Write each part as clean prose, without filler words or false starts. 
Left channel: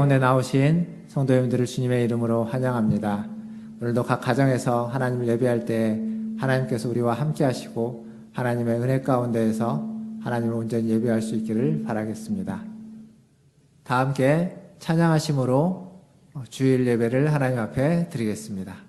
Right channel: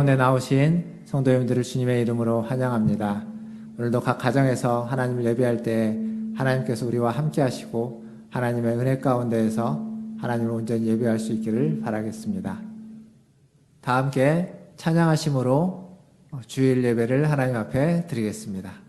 가운데 나오신 성도님들을 주님의 이름으로 환영합니다. 오늘도 각 가정에서 하나님을 예배할 때 하나님께서 우리와 함께 하시고 하나님의 은혜 가운데에서 하나님을 온전히 예배할 수 있기를 바라겠습니다. 다 함께 찬양하심으로 주일 예배를 하나님 앞에 드리겠습니다.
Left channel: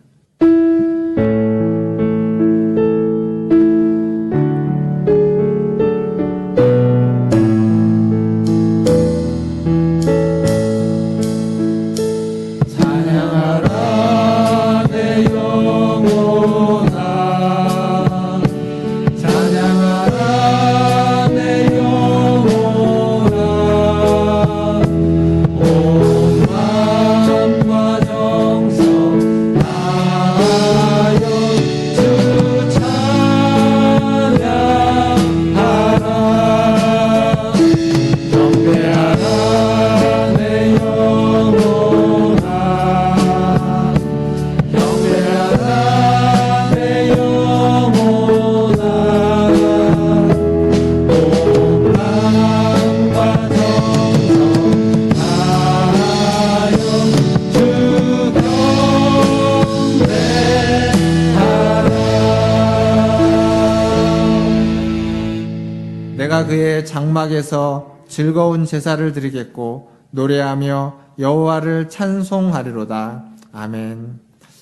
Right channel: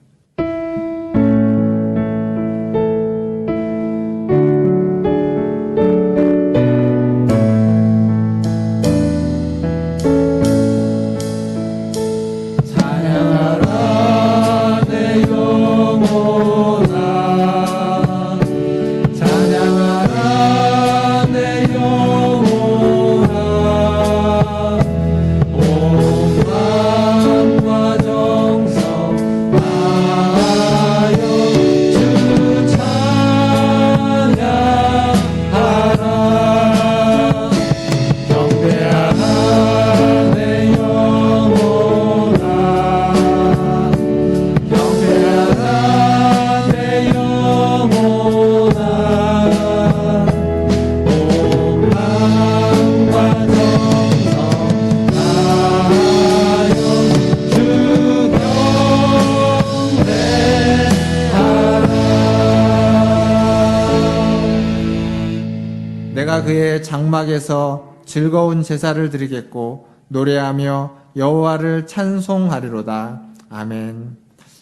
장막에서 즐거운 제사를 드리겠고 노래하며 여호와를 찬송하리로다. 아멘.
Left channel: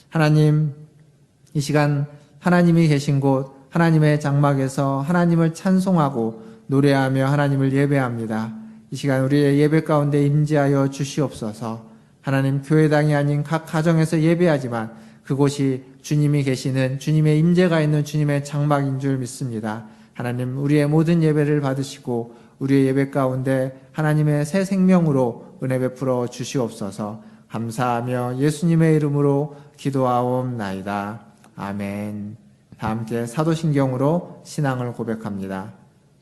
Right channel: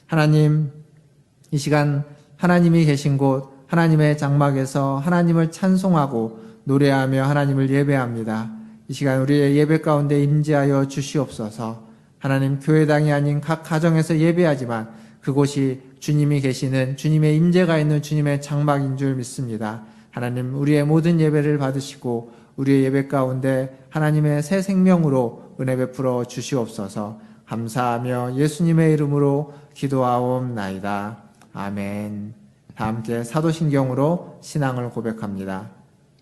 하나님, 이 시간 하나님이 계신 곳 하나님의 장막에서 하나님을 찬송하고 노래하며 하나님을 예배합니다. 이 시간 우리의 예배 가운데 임재하여 주시옵소서. 하나님, 교회당이 아닌 각 가정에서 예배하지만 그곳이 주님이 계시는 주님의 임재가 있는 주님의 장막인 줄 믿습니다. 하나님, 우리의 모든 예배를 받으시고 우리의 예배 가운데 하나님의 새 생명으로 은혜 베풀어 주시옵소서. 감사하며 예수님의 이름으로 기도하옵나이다. 아멘. 다 함께 사도신경으로 신앙을 고백합니다.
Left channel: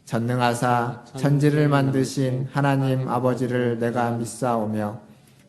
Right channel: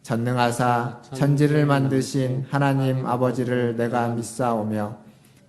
전능하사 천지를 만드신 하나님 아버지를 내가 믿사오며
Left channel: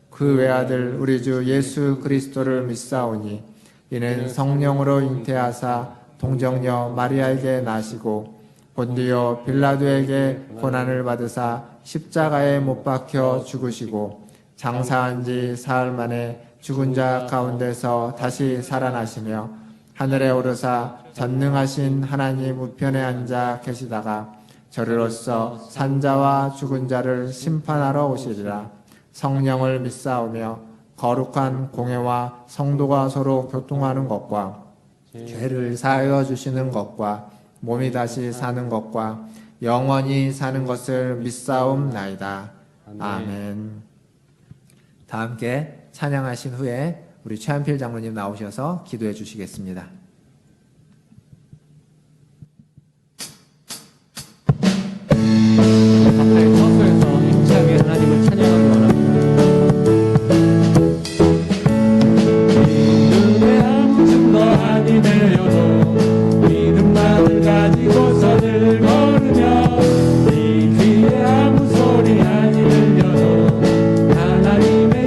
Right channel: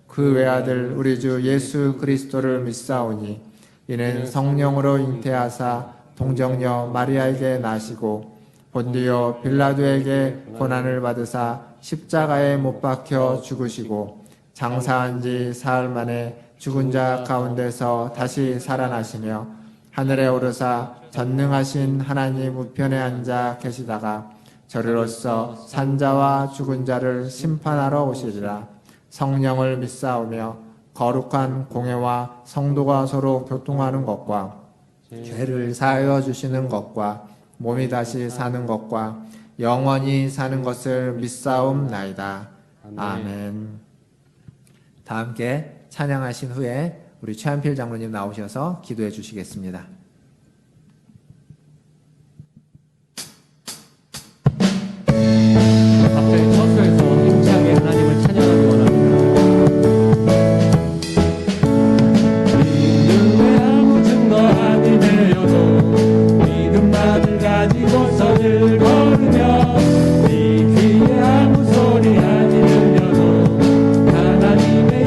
그 외아들 우리 주 예수 그리스도를 믿사오니 이는 성령으로 잉태하사 동정녀 마리아에게 나시고 본디오 빌라도에게 고난을 받으사 십자가에 못 박혀 죽으시고 장사한 지 사흘 만에 죽은 자 가운데서 다시 살아나시며 하늘에 오르사 전능하신 하나님 우편에 앉아 계시다가 저리로서 산자와 죽은 자를 심판하러 오시리라. 성령을 믿사오며 거룩한 공회와 성도가 서로 교통하는 것과 죄를 사하여 주시는 것과 몸이 다시 사는 것과 영원히 사는 것을 믿사옵나이다. 아멘. 다 함께 찬양하신 후에 우리 최한필 장로님 나오셔서 기도해 주시겠습니다.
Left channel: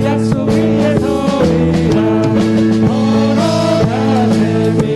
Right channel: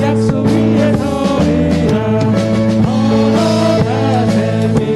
약속 위에 서리라 걸어가세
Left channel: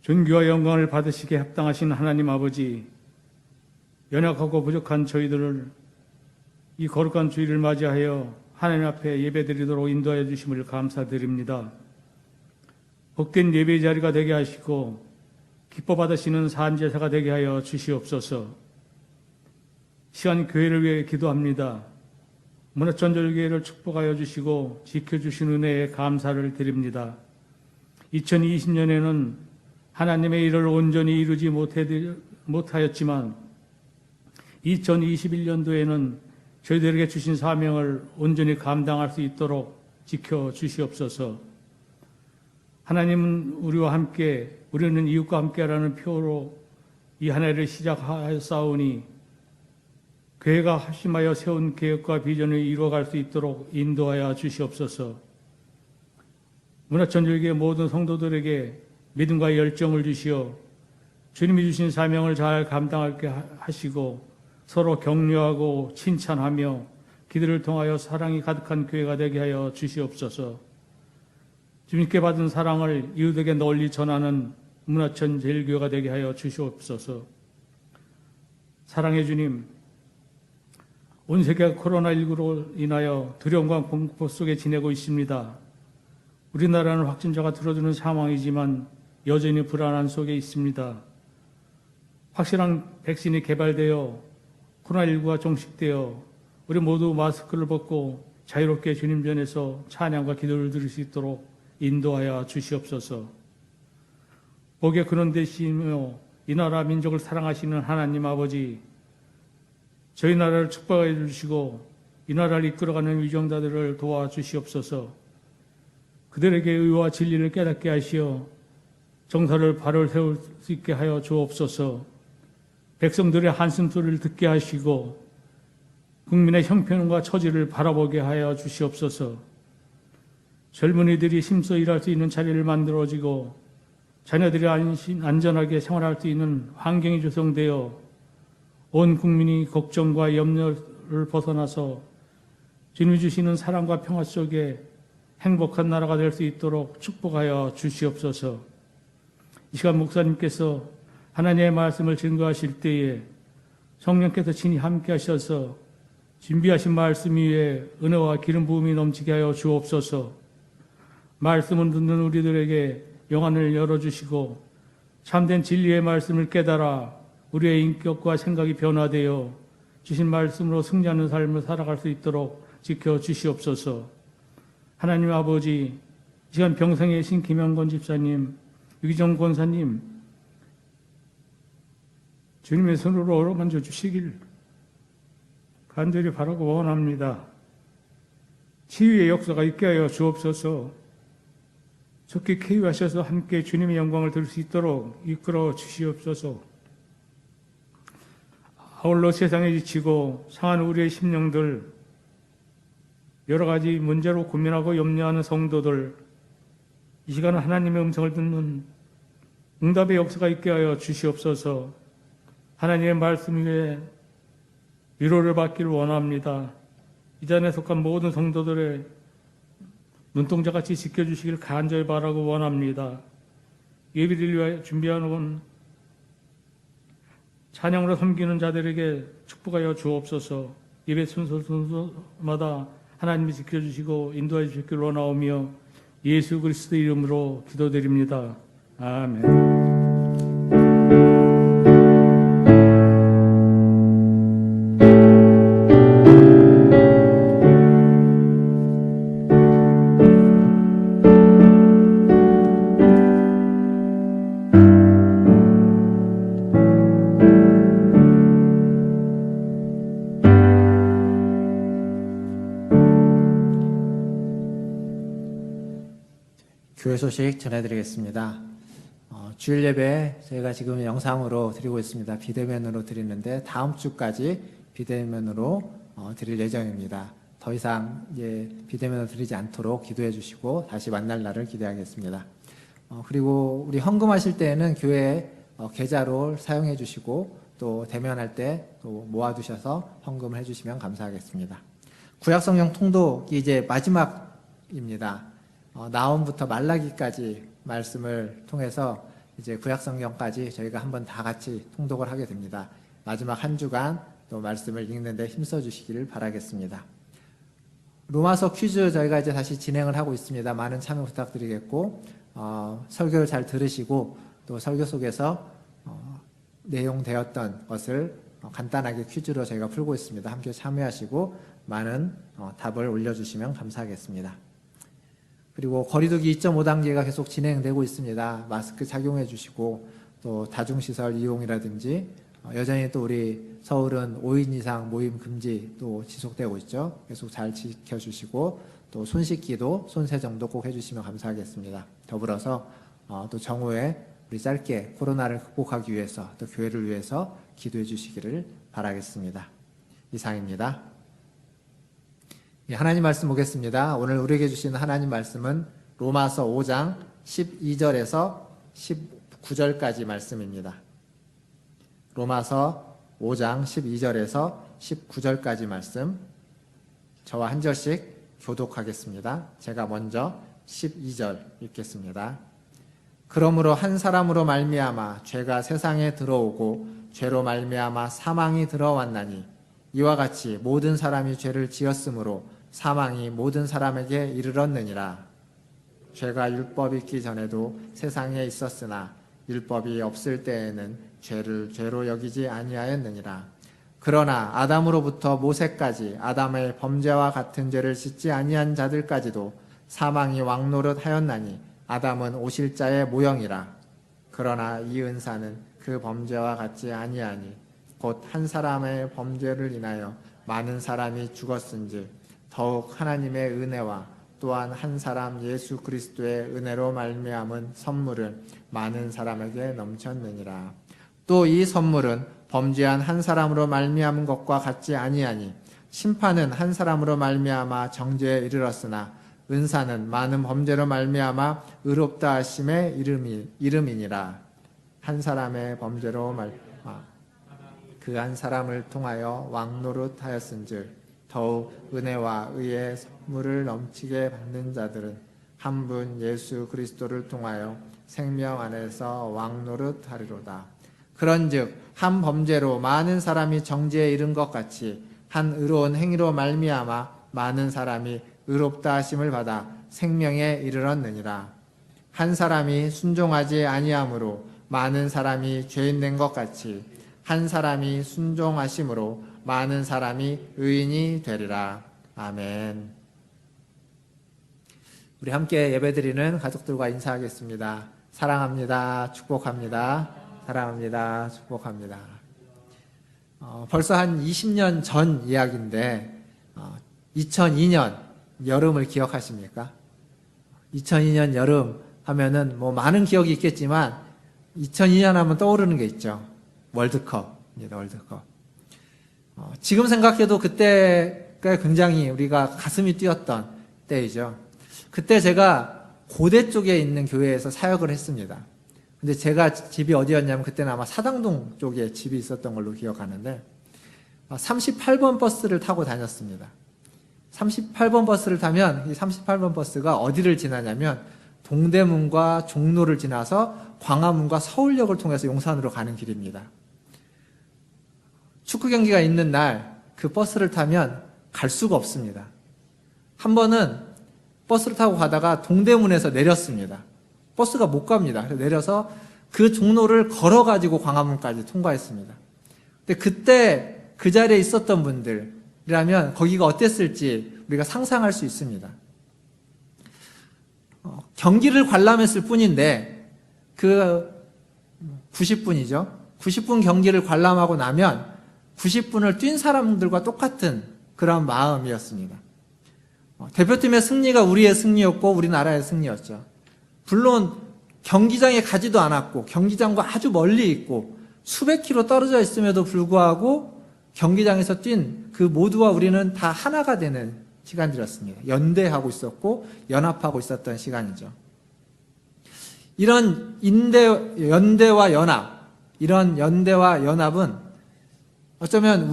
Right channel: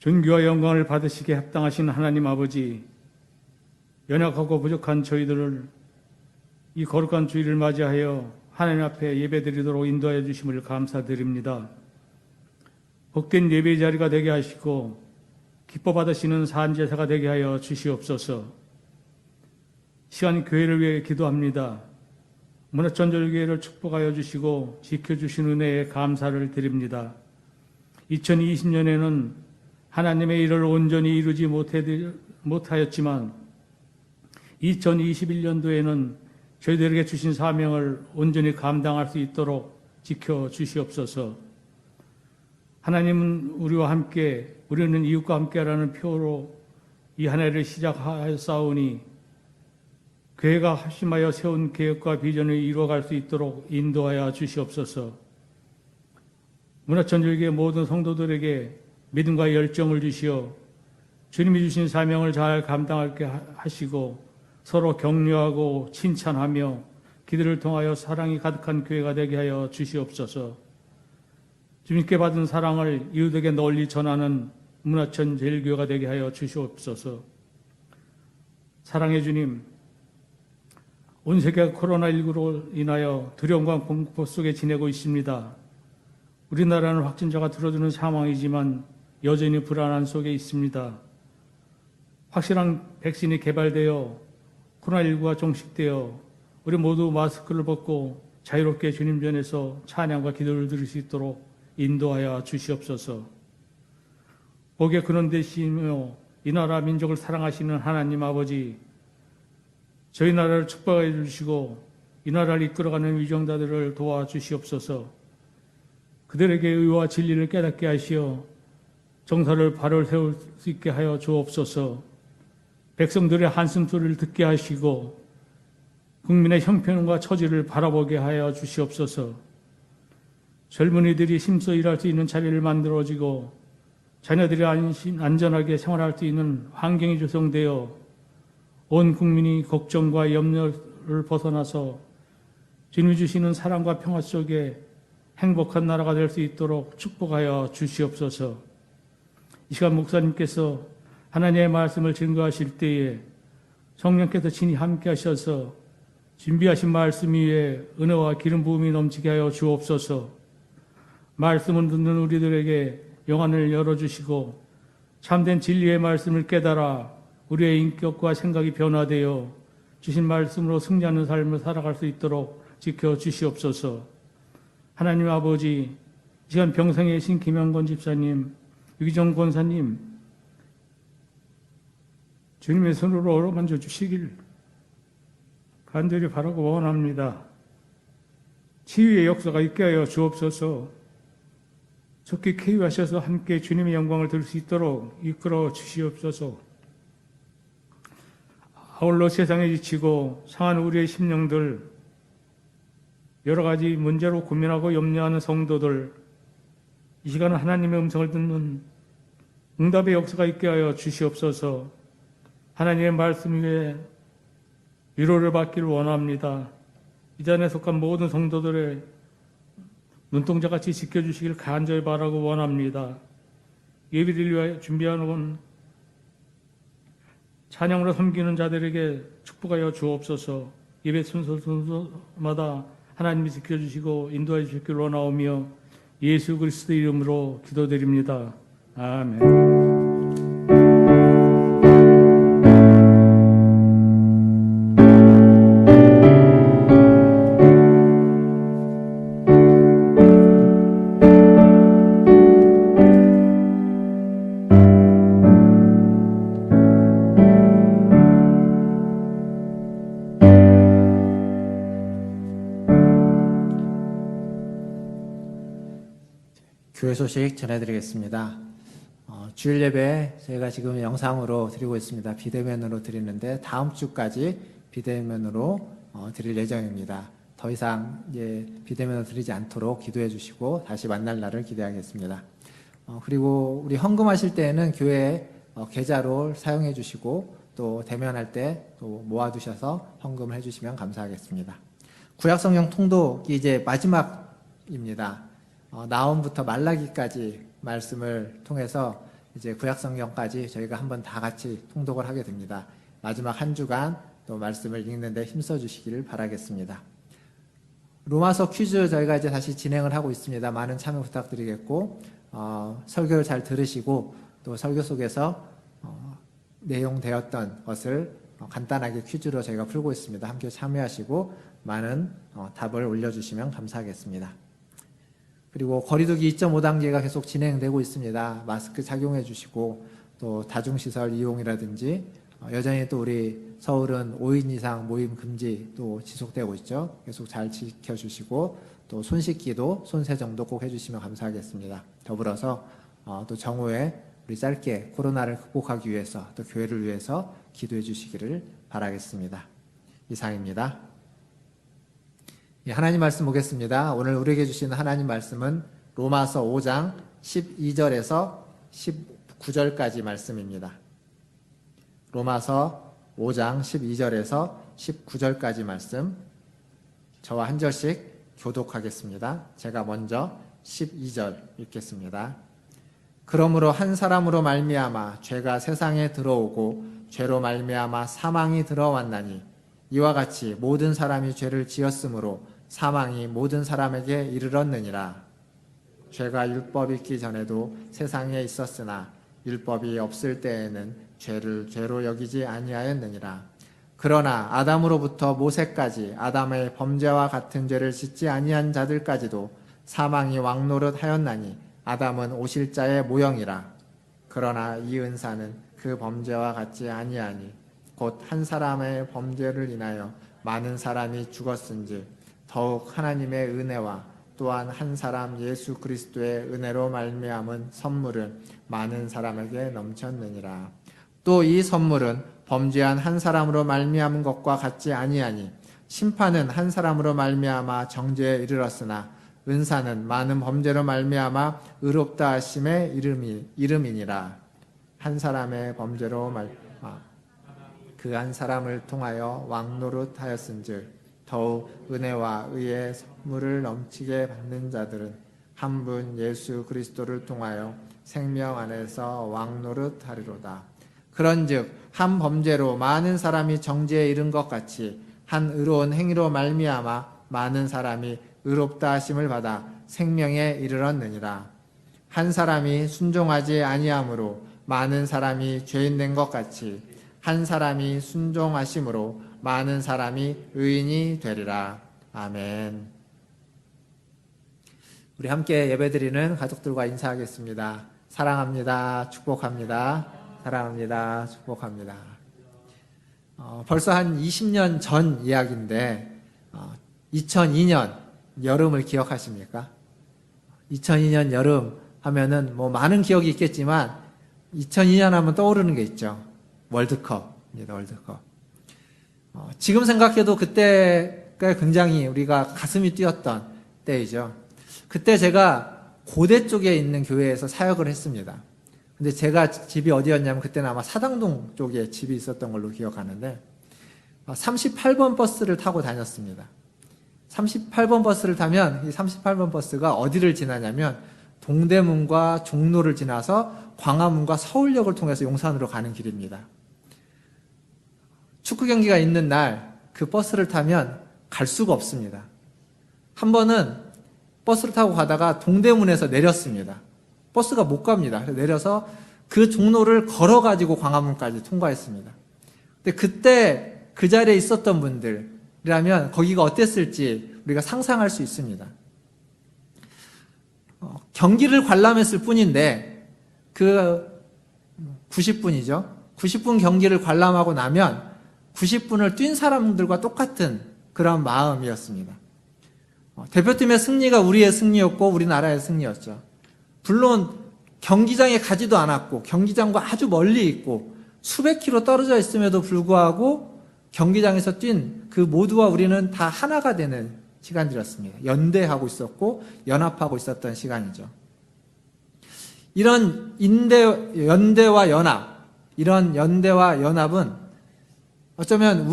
존귀와 영광을 받으시기에 합당하신 하나님 아버지, 연약하고 부족한 저희들을 이 거룩한 주일을 맞이하여 하나님 앞에 예배드리도록 인도하여 주심을 감사드립니다. 복된 예배 자리가 되게 하시고 기뻐 받으시는 산제사가 되게 하여 주시옵소서. 시간 교회를 위해 기도합니다. 문화전절교회를 축복하여 주시고 지켜주신 은혜에 감사를 드립니다. 2020년에는 하나님의 일을 온전히 이루지 못하였지만 2021년도에는 저희들에게 주신 사명을 온전히 감당할 수 있도록 지켜주시옵소서. 하나님은 우리와 함께, 우리는 이웃과 함께라는 표로 이 한 해를 시작하였사오니 교회가 합심하여 세운 계획과 비전을 이루어갈 수 있도록 인도하여 주시옵소서. 문화천주교회 모든 성도들에게 믿음과 열정을 주시어 주님이 주신 사명을 잘 감당하게 하시고 서로 격려하고 칭찬하며 기도를 통하여 사랑이 가득한 교회가 되게 하여 주시옵소서. 주님께 받은 사랑을 이웃에게 널리 전하는 문화천 제일교회가 되게 하여 주시옵소서. 사랑의 주님, 온 세계가 코로나19로 인하여 두려움과 공포 속에 지내고 있습니다. 우리나라는 확진자가 줄어드는 상황이지만 여전히 불안한 속에 있습니다. 확실한 백신이 개발되어 코로나19가 종식되어 우리 모두 마스크를 벗고 자유롭게 주님 전에서 찬양과 기도를 드릴 수 있도록 인도하여 주시옵소서. 복의 그런 대시이며 이 나라 민족을 사랑하시는 하나님 아버지, 저희 나라를 축복해 주시고 이 나라를 이끌어가는 위정자들을 도와주시옵소서. 그들에게 의와 진리를 깨닫게 하시어 정사를 발을 세울 수 있게 하여 주옵소서. 백성들의 한숨소리를 듣게 하시고 국민의 형편과 처지를 바라보게 하여 주시옵소서. 젊은이들이 힘써 일할 수 있는 자리를 만들어지고 자녀들이 안전하게 생활할 수 있는 환경이 조성되어 온 국민이 걱정과 염려를 벗어나서 주님이 주시는 사랑과 평화 속에 행복한 나라가 될 수 있도록 축복하여 주시옵소서. 이 시간 목사님께서 하나님의 말씀을 증거하실 때에 성령께서 친히 함께 하셔서 준비하신 말씀 위에 은혜와 기름 부음이 넘치게 하여 주옵소서. 말씀을 듣는 우리들에게 영안을 열어주시고 참된 진리의 말씀을 깨달아 우리의 인격과 생각이 변화되어 주신 말씀으로 승리하는 삶을 살아갈 수 있도록 지켜주시옵소서. 하나님 아버지, 이 시간 병상에 계신 김영건 집사님, 유기정 권사님, 주님의 손으로 어루만져 주시길 간절히 바라고 원합니다. 치유의 역사가 있게 하여 주옵소서. 좋게 케이하셔서 함께 주님의 영광을 들 수 있도록 이끌어 주시옵소서. 아울러 세상에 지치고 상한 우리의 심령들, 여러 가지 문제로 고민하고 염려하는 성도들, 이 시간 하나님의 음성을 듣는 응답의 역사가 있게 하여 주시옵소서. 하나님의 말씀 위에 위로를 받기를 원합니다. 이 자리에 속한 모든 성도들의 눈동자같이 지켜주시길 간절히 바라고 원합니다. 예비를 위해 준비해놓은 찬양으로 섬기는 자들에게 축복하여 주옵소서. 예배 순서마다 하나님이 지켜주시고 인도해 주시길 원하오며 예수 그리스도의 이름으로 기도드립니다. 아멘. 교회 소식 전해드리겠습니다. 주일 예배 저희가 지금 영상으로 드리고 있습니다. 비대면으로 드리는데 다음 주까지 비대면으로 드릴 예정입니다. 더 이상 비대면으로 드리지 않도록 기도해 주시고 다시 만날 날을 기대하겠습니다. 그리고 우리 헌금하실 때에는 교회 계좌로 사용해 주시고 또 대면할 때 또 모아두셔서 헌금을 해주시면 감사하겠습니다. 구약성경 통독이 이제 마지막입니다. 나홈부터 말라기까지 말씀을 통해서 이제 구약성경까지 저희가 한번 다 같이 통독을 하게 됩니다. 마지막 한 주간 또 말씀을 읽는데 힘써 주시길 바라겠습니다. 로마서 퀴즈 저희가 이제 다시 진행을 하고 있습니다. 많은 참여 부탁드리겠고 설교를 잘 들으시고 또 설교 속에서 내용되었던 것을 간단하게 퀴즈로 저희가 풀고 있습니다. 함께 참여하시고 많은 답을 올려주시면 감사하겠습니다. 그리고 거리두기 2.5단계가 계속 진행되고 있습니다. 마스크 착용해 주시고 또 다중시설 이용이라든지 여전히 또 우리 서울은 5인 이상 모임 금지 또 지속되고 있죠. 계속 잘 지켜주시고 또 손 씻기도 손 세정도 꼭 해주시면 감사하겠습니다. 더불어서 또 정오에 우리 짧게 코로나를 극복하기 위해서 또 교회를 위해서 기도해 주시기를 바라겠습니다. 이상입니다. 하나님 말씀 보겠습니다. 오늘 우리에게 주신 하나님 말씀은 로마서 5장 12절에서 19절까지 말씀입니다. 로마서 5장 12절에서 19절까지 말씀 저와 한 절씩 교독하겠습니다. 제가 먼저 12절 읽겠습니다. 그러므로 한 사람으로 말미암아 죄가 세상에 들어오고 죄로 말미암아 사망이 들어왔나니 이와 같이 모든 사람이 죄를 지었으므로 사망이 모든 사람에게 이르렀느니라. 죄가 율법이 있기 전에도 세상에 있었으나 율법이 없을 때에는 죄를 죄로 여기지 아니하였느니라. 그러나 아담으로부터 모세까지 아담의 범죄와 같은 죄를 짓지 아니한 자들까지도 사망이 왕노릇하였나니 아담은 오실 자의 모형이라. 그러나 이 은사는 그 범죄와 같지 아니하니 곧 한 사람의 범죄를 인하여 많은 사람이 죽었은즉 더욱 하나님의 은혜와 또한 한 사람 예수 그리스도의 은혜로 말미암은 선물은 많은 사람에게 넘쳤느니라. 또 이 선물은 범죄한 한 사람으로 말미암은 것과 같지 아니하니 심판은 한 사람으로 말미암아 정죄에 이르렀으나 은사는 많은 범죄로 말미암아 의롭다 하심의 이름이니라. 한 사람의 범죄로 그 한 사람을 통하여 왕노릇하였은즉 더욱 은혜와 의의 선물을 넘치게 받는 자들은 한 분 예수 그리스도를 통하여 생명 안에서 왕노릇하리로다. 그런즉 한 범죄로 많은 사람이 정죄에 이른 것 같이 한 의로운 행위로 말미암아 많은 사람이 의롭다 하심을 받아 생명에 이르렀느니라. 한 사람이 순종하지 아니함으로 많은 사람이 죄인 된 것 같이 한 사람이 순종하심으로 많은 사람이 의인이 되리라. 아멘. 우리 함께 예배드리는 가족들과 인사하겠습니다. 사랑합니다. 축복합니다. 사랑합니다. 축복합니다. 벌써 한 20년 전 이야기인데 2002년 여름을 기억하십니까? 2002년 여름 하면은 뭐 많은 기억이 있겠지만 2002년 하면 떠오르는 게 있죠. 월드컵입니다. 월드컵. 지금 생각해도 그때가 굉장히 우리가 가슴이 뛰었던 때이죠. 그때 제가 고대 쪽에 있는 교회에서 사역을 했습니다. 근데 제가 집이 어디였냐면 그때는 아마 사당동 쪽에 집이 있었던 걸로 기억하는데 38번 버스를 타고 다녔습니다. 38번 버스를 타면 이 38번 버스가 어디를 지나냐면 동대문과 종로를 지나서 광화문과 서울역을 통해서 용산으로 가는 길입니다. 축구 경기가 있는 날 그 버스를 타면 갈 수가 없습니다. 한 번은 버스를 타고 가다가 동대문에서 내렸습니다. 버스가 못 갑니다. 내려서 그 종로를 걸어가지고 광화문까지 통과했습니다. 근데 그때 그 자리에 있었던 분들이라면 거기가 어땠을지 우리가 상상할 수 있습니다. 경기를 관람했을 뿐인데 그 90분이죠. 90분 경기를 관람하고 나면 90분을 뛴 사람들과 똑같은 그런 마음이었습니다. 대표팀의 승리가 우리의 승리였고 우리나라의 승리였죠. 물론 경기장에 가지도 않았고 경기장과 아주 멀리 있고 수백 킬로 떨어져 있음에도 불구하고 경기장에서 뛴 그 모두와 우리는 다 하나가 되는 시간이었습니다. 연대하고 있었고 연합하고 있었던 시간이죠. 이런 연대와 연합, 이런 연대와 연합은 어쩌면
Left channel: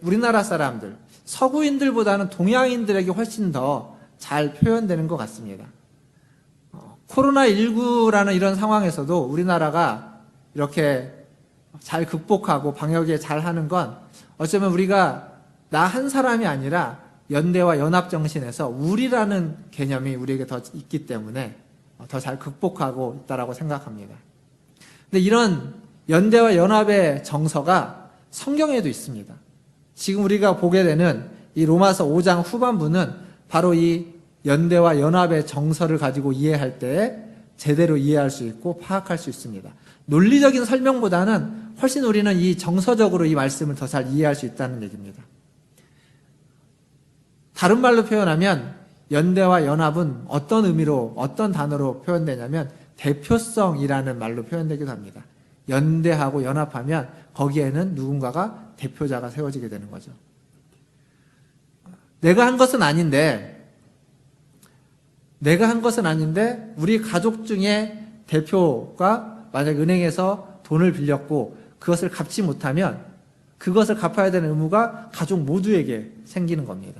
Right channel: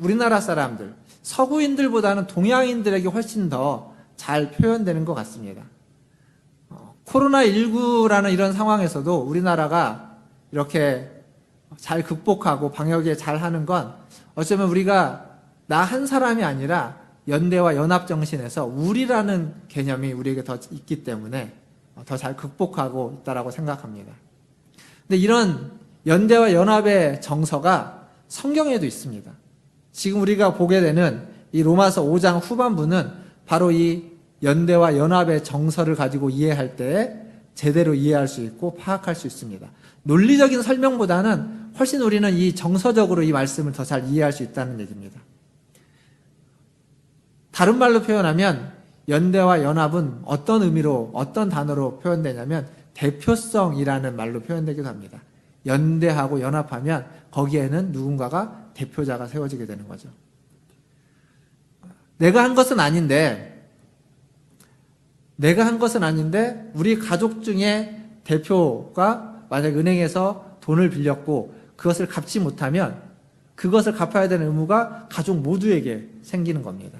우리나라 사람들, 서구인들보다는 동양인들에게 훨씬 더 잘 표현되는 것 같습니다. 코로나19라는 이런 상황에서도 우리나라가 이렇게 잘 극복하고 방역에 잘 하는 건 어쩌면 우리가 나 한 사람이 아니라 연대와 연합 정신에서 우리라는 개념이 우리에게 더 있기 때문에 더 잘 극복하고 있다라고 생각합니다. 근데 이런 연대와 연합의 정서가 성경에도 있습니다. 지금 우리가 보게 되는 이 로마서 5장 후반부는 바로 이 연대와 연합의 정서를 가지고 이해할 때 제대로 이해할 수 있고 파악할 수 있습니다. 논리적인 설명보다는 훨씬 우리는 이 정서적으로 이 말씀을 더 잘 이해할 수 있다는 얘기입니다. 다른 말로 표현하면 연대와 연합은 어떤 의미로, 어떤 단어로 표현되냐면 대표성이라는 말로 표현되기도 합니다. 연대하고 연합하면 거기에는 누군가가 대표자가 세워지게 되는 거죠. 내가 한 것은 아닌데 우리 가족 중에 대표가 만약 은행에서 돈을 빌렸고 그것을 갚지 못하면 그것을 갚아야 되는 의무가 가족 모두에게 생기는 겁니다.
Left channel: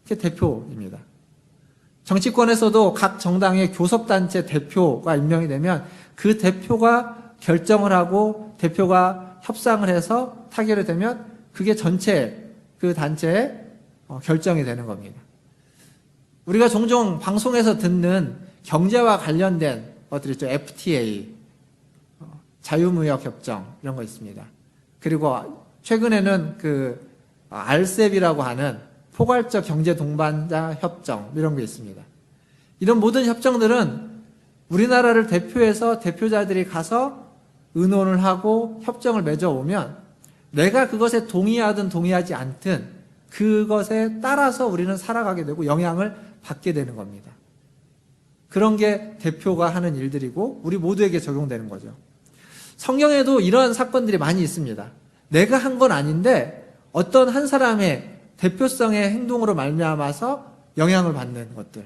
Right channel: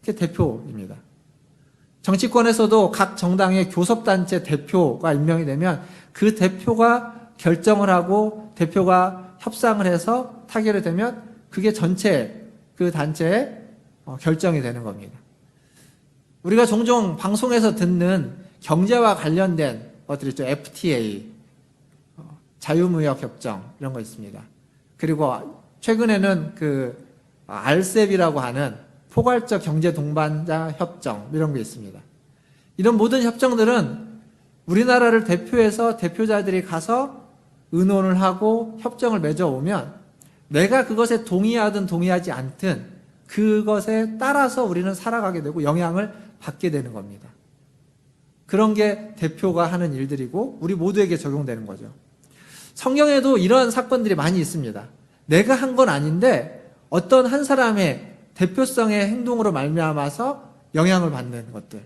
그게 대표입니다. 정치권에서도 각 정당의 교섭단체 대표가 임명이 되면 그 대표가 결정을 하고 대표가 협상을 해서 타결이 되면 그게 전체 그 단체의 결정이 되는 겁니다. 우리가 종종 방송에서 듣는 경제와 관련된 것들 있죠. FTA, 자유무역협정 이런 거 있습니다. 그리고 최근에는 그 RCEP이라고 하는 포괄적 경제 동반자 협정 이런 게 있습니다. 이런 모든 협정들은 우리나라를 대표해서 대표자들이 가서 의논을 하고 협정을 맺어오면 내가 그것에 동의하든 동의하지 않든 그것에 따라서 우리는 살아가게 되고 영향을 받게 되는 겁니다. 그런 게 대표가 하는 일들이고 우리 모두에게 적용되는 거죠. 성경에도 이런 사건들이 많이 있습니다. 내가 한 건 아닌데 어떤 한 사람의 대표성의 행동으로 말미암아서 영향을 받는 것들.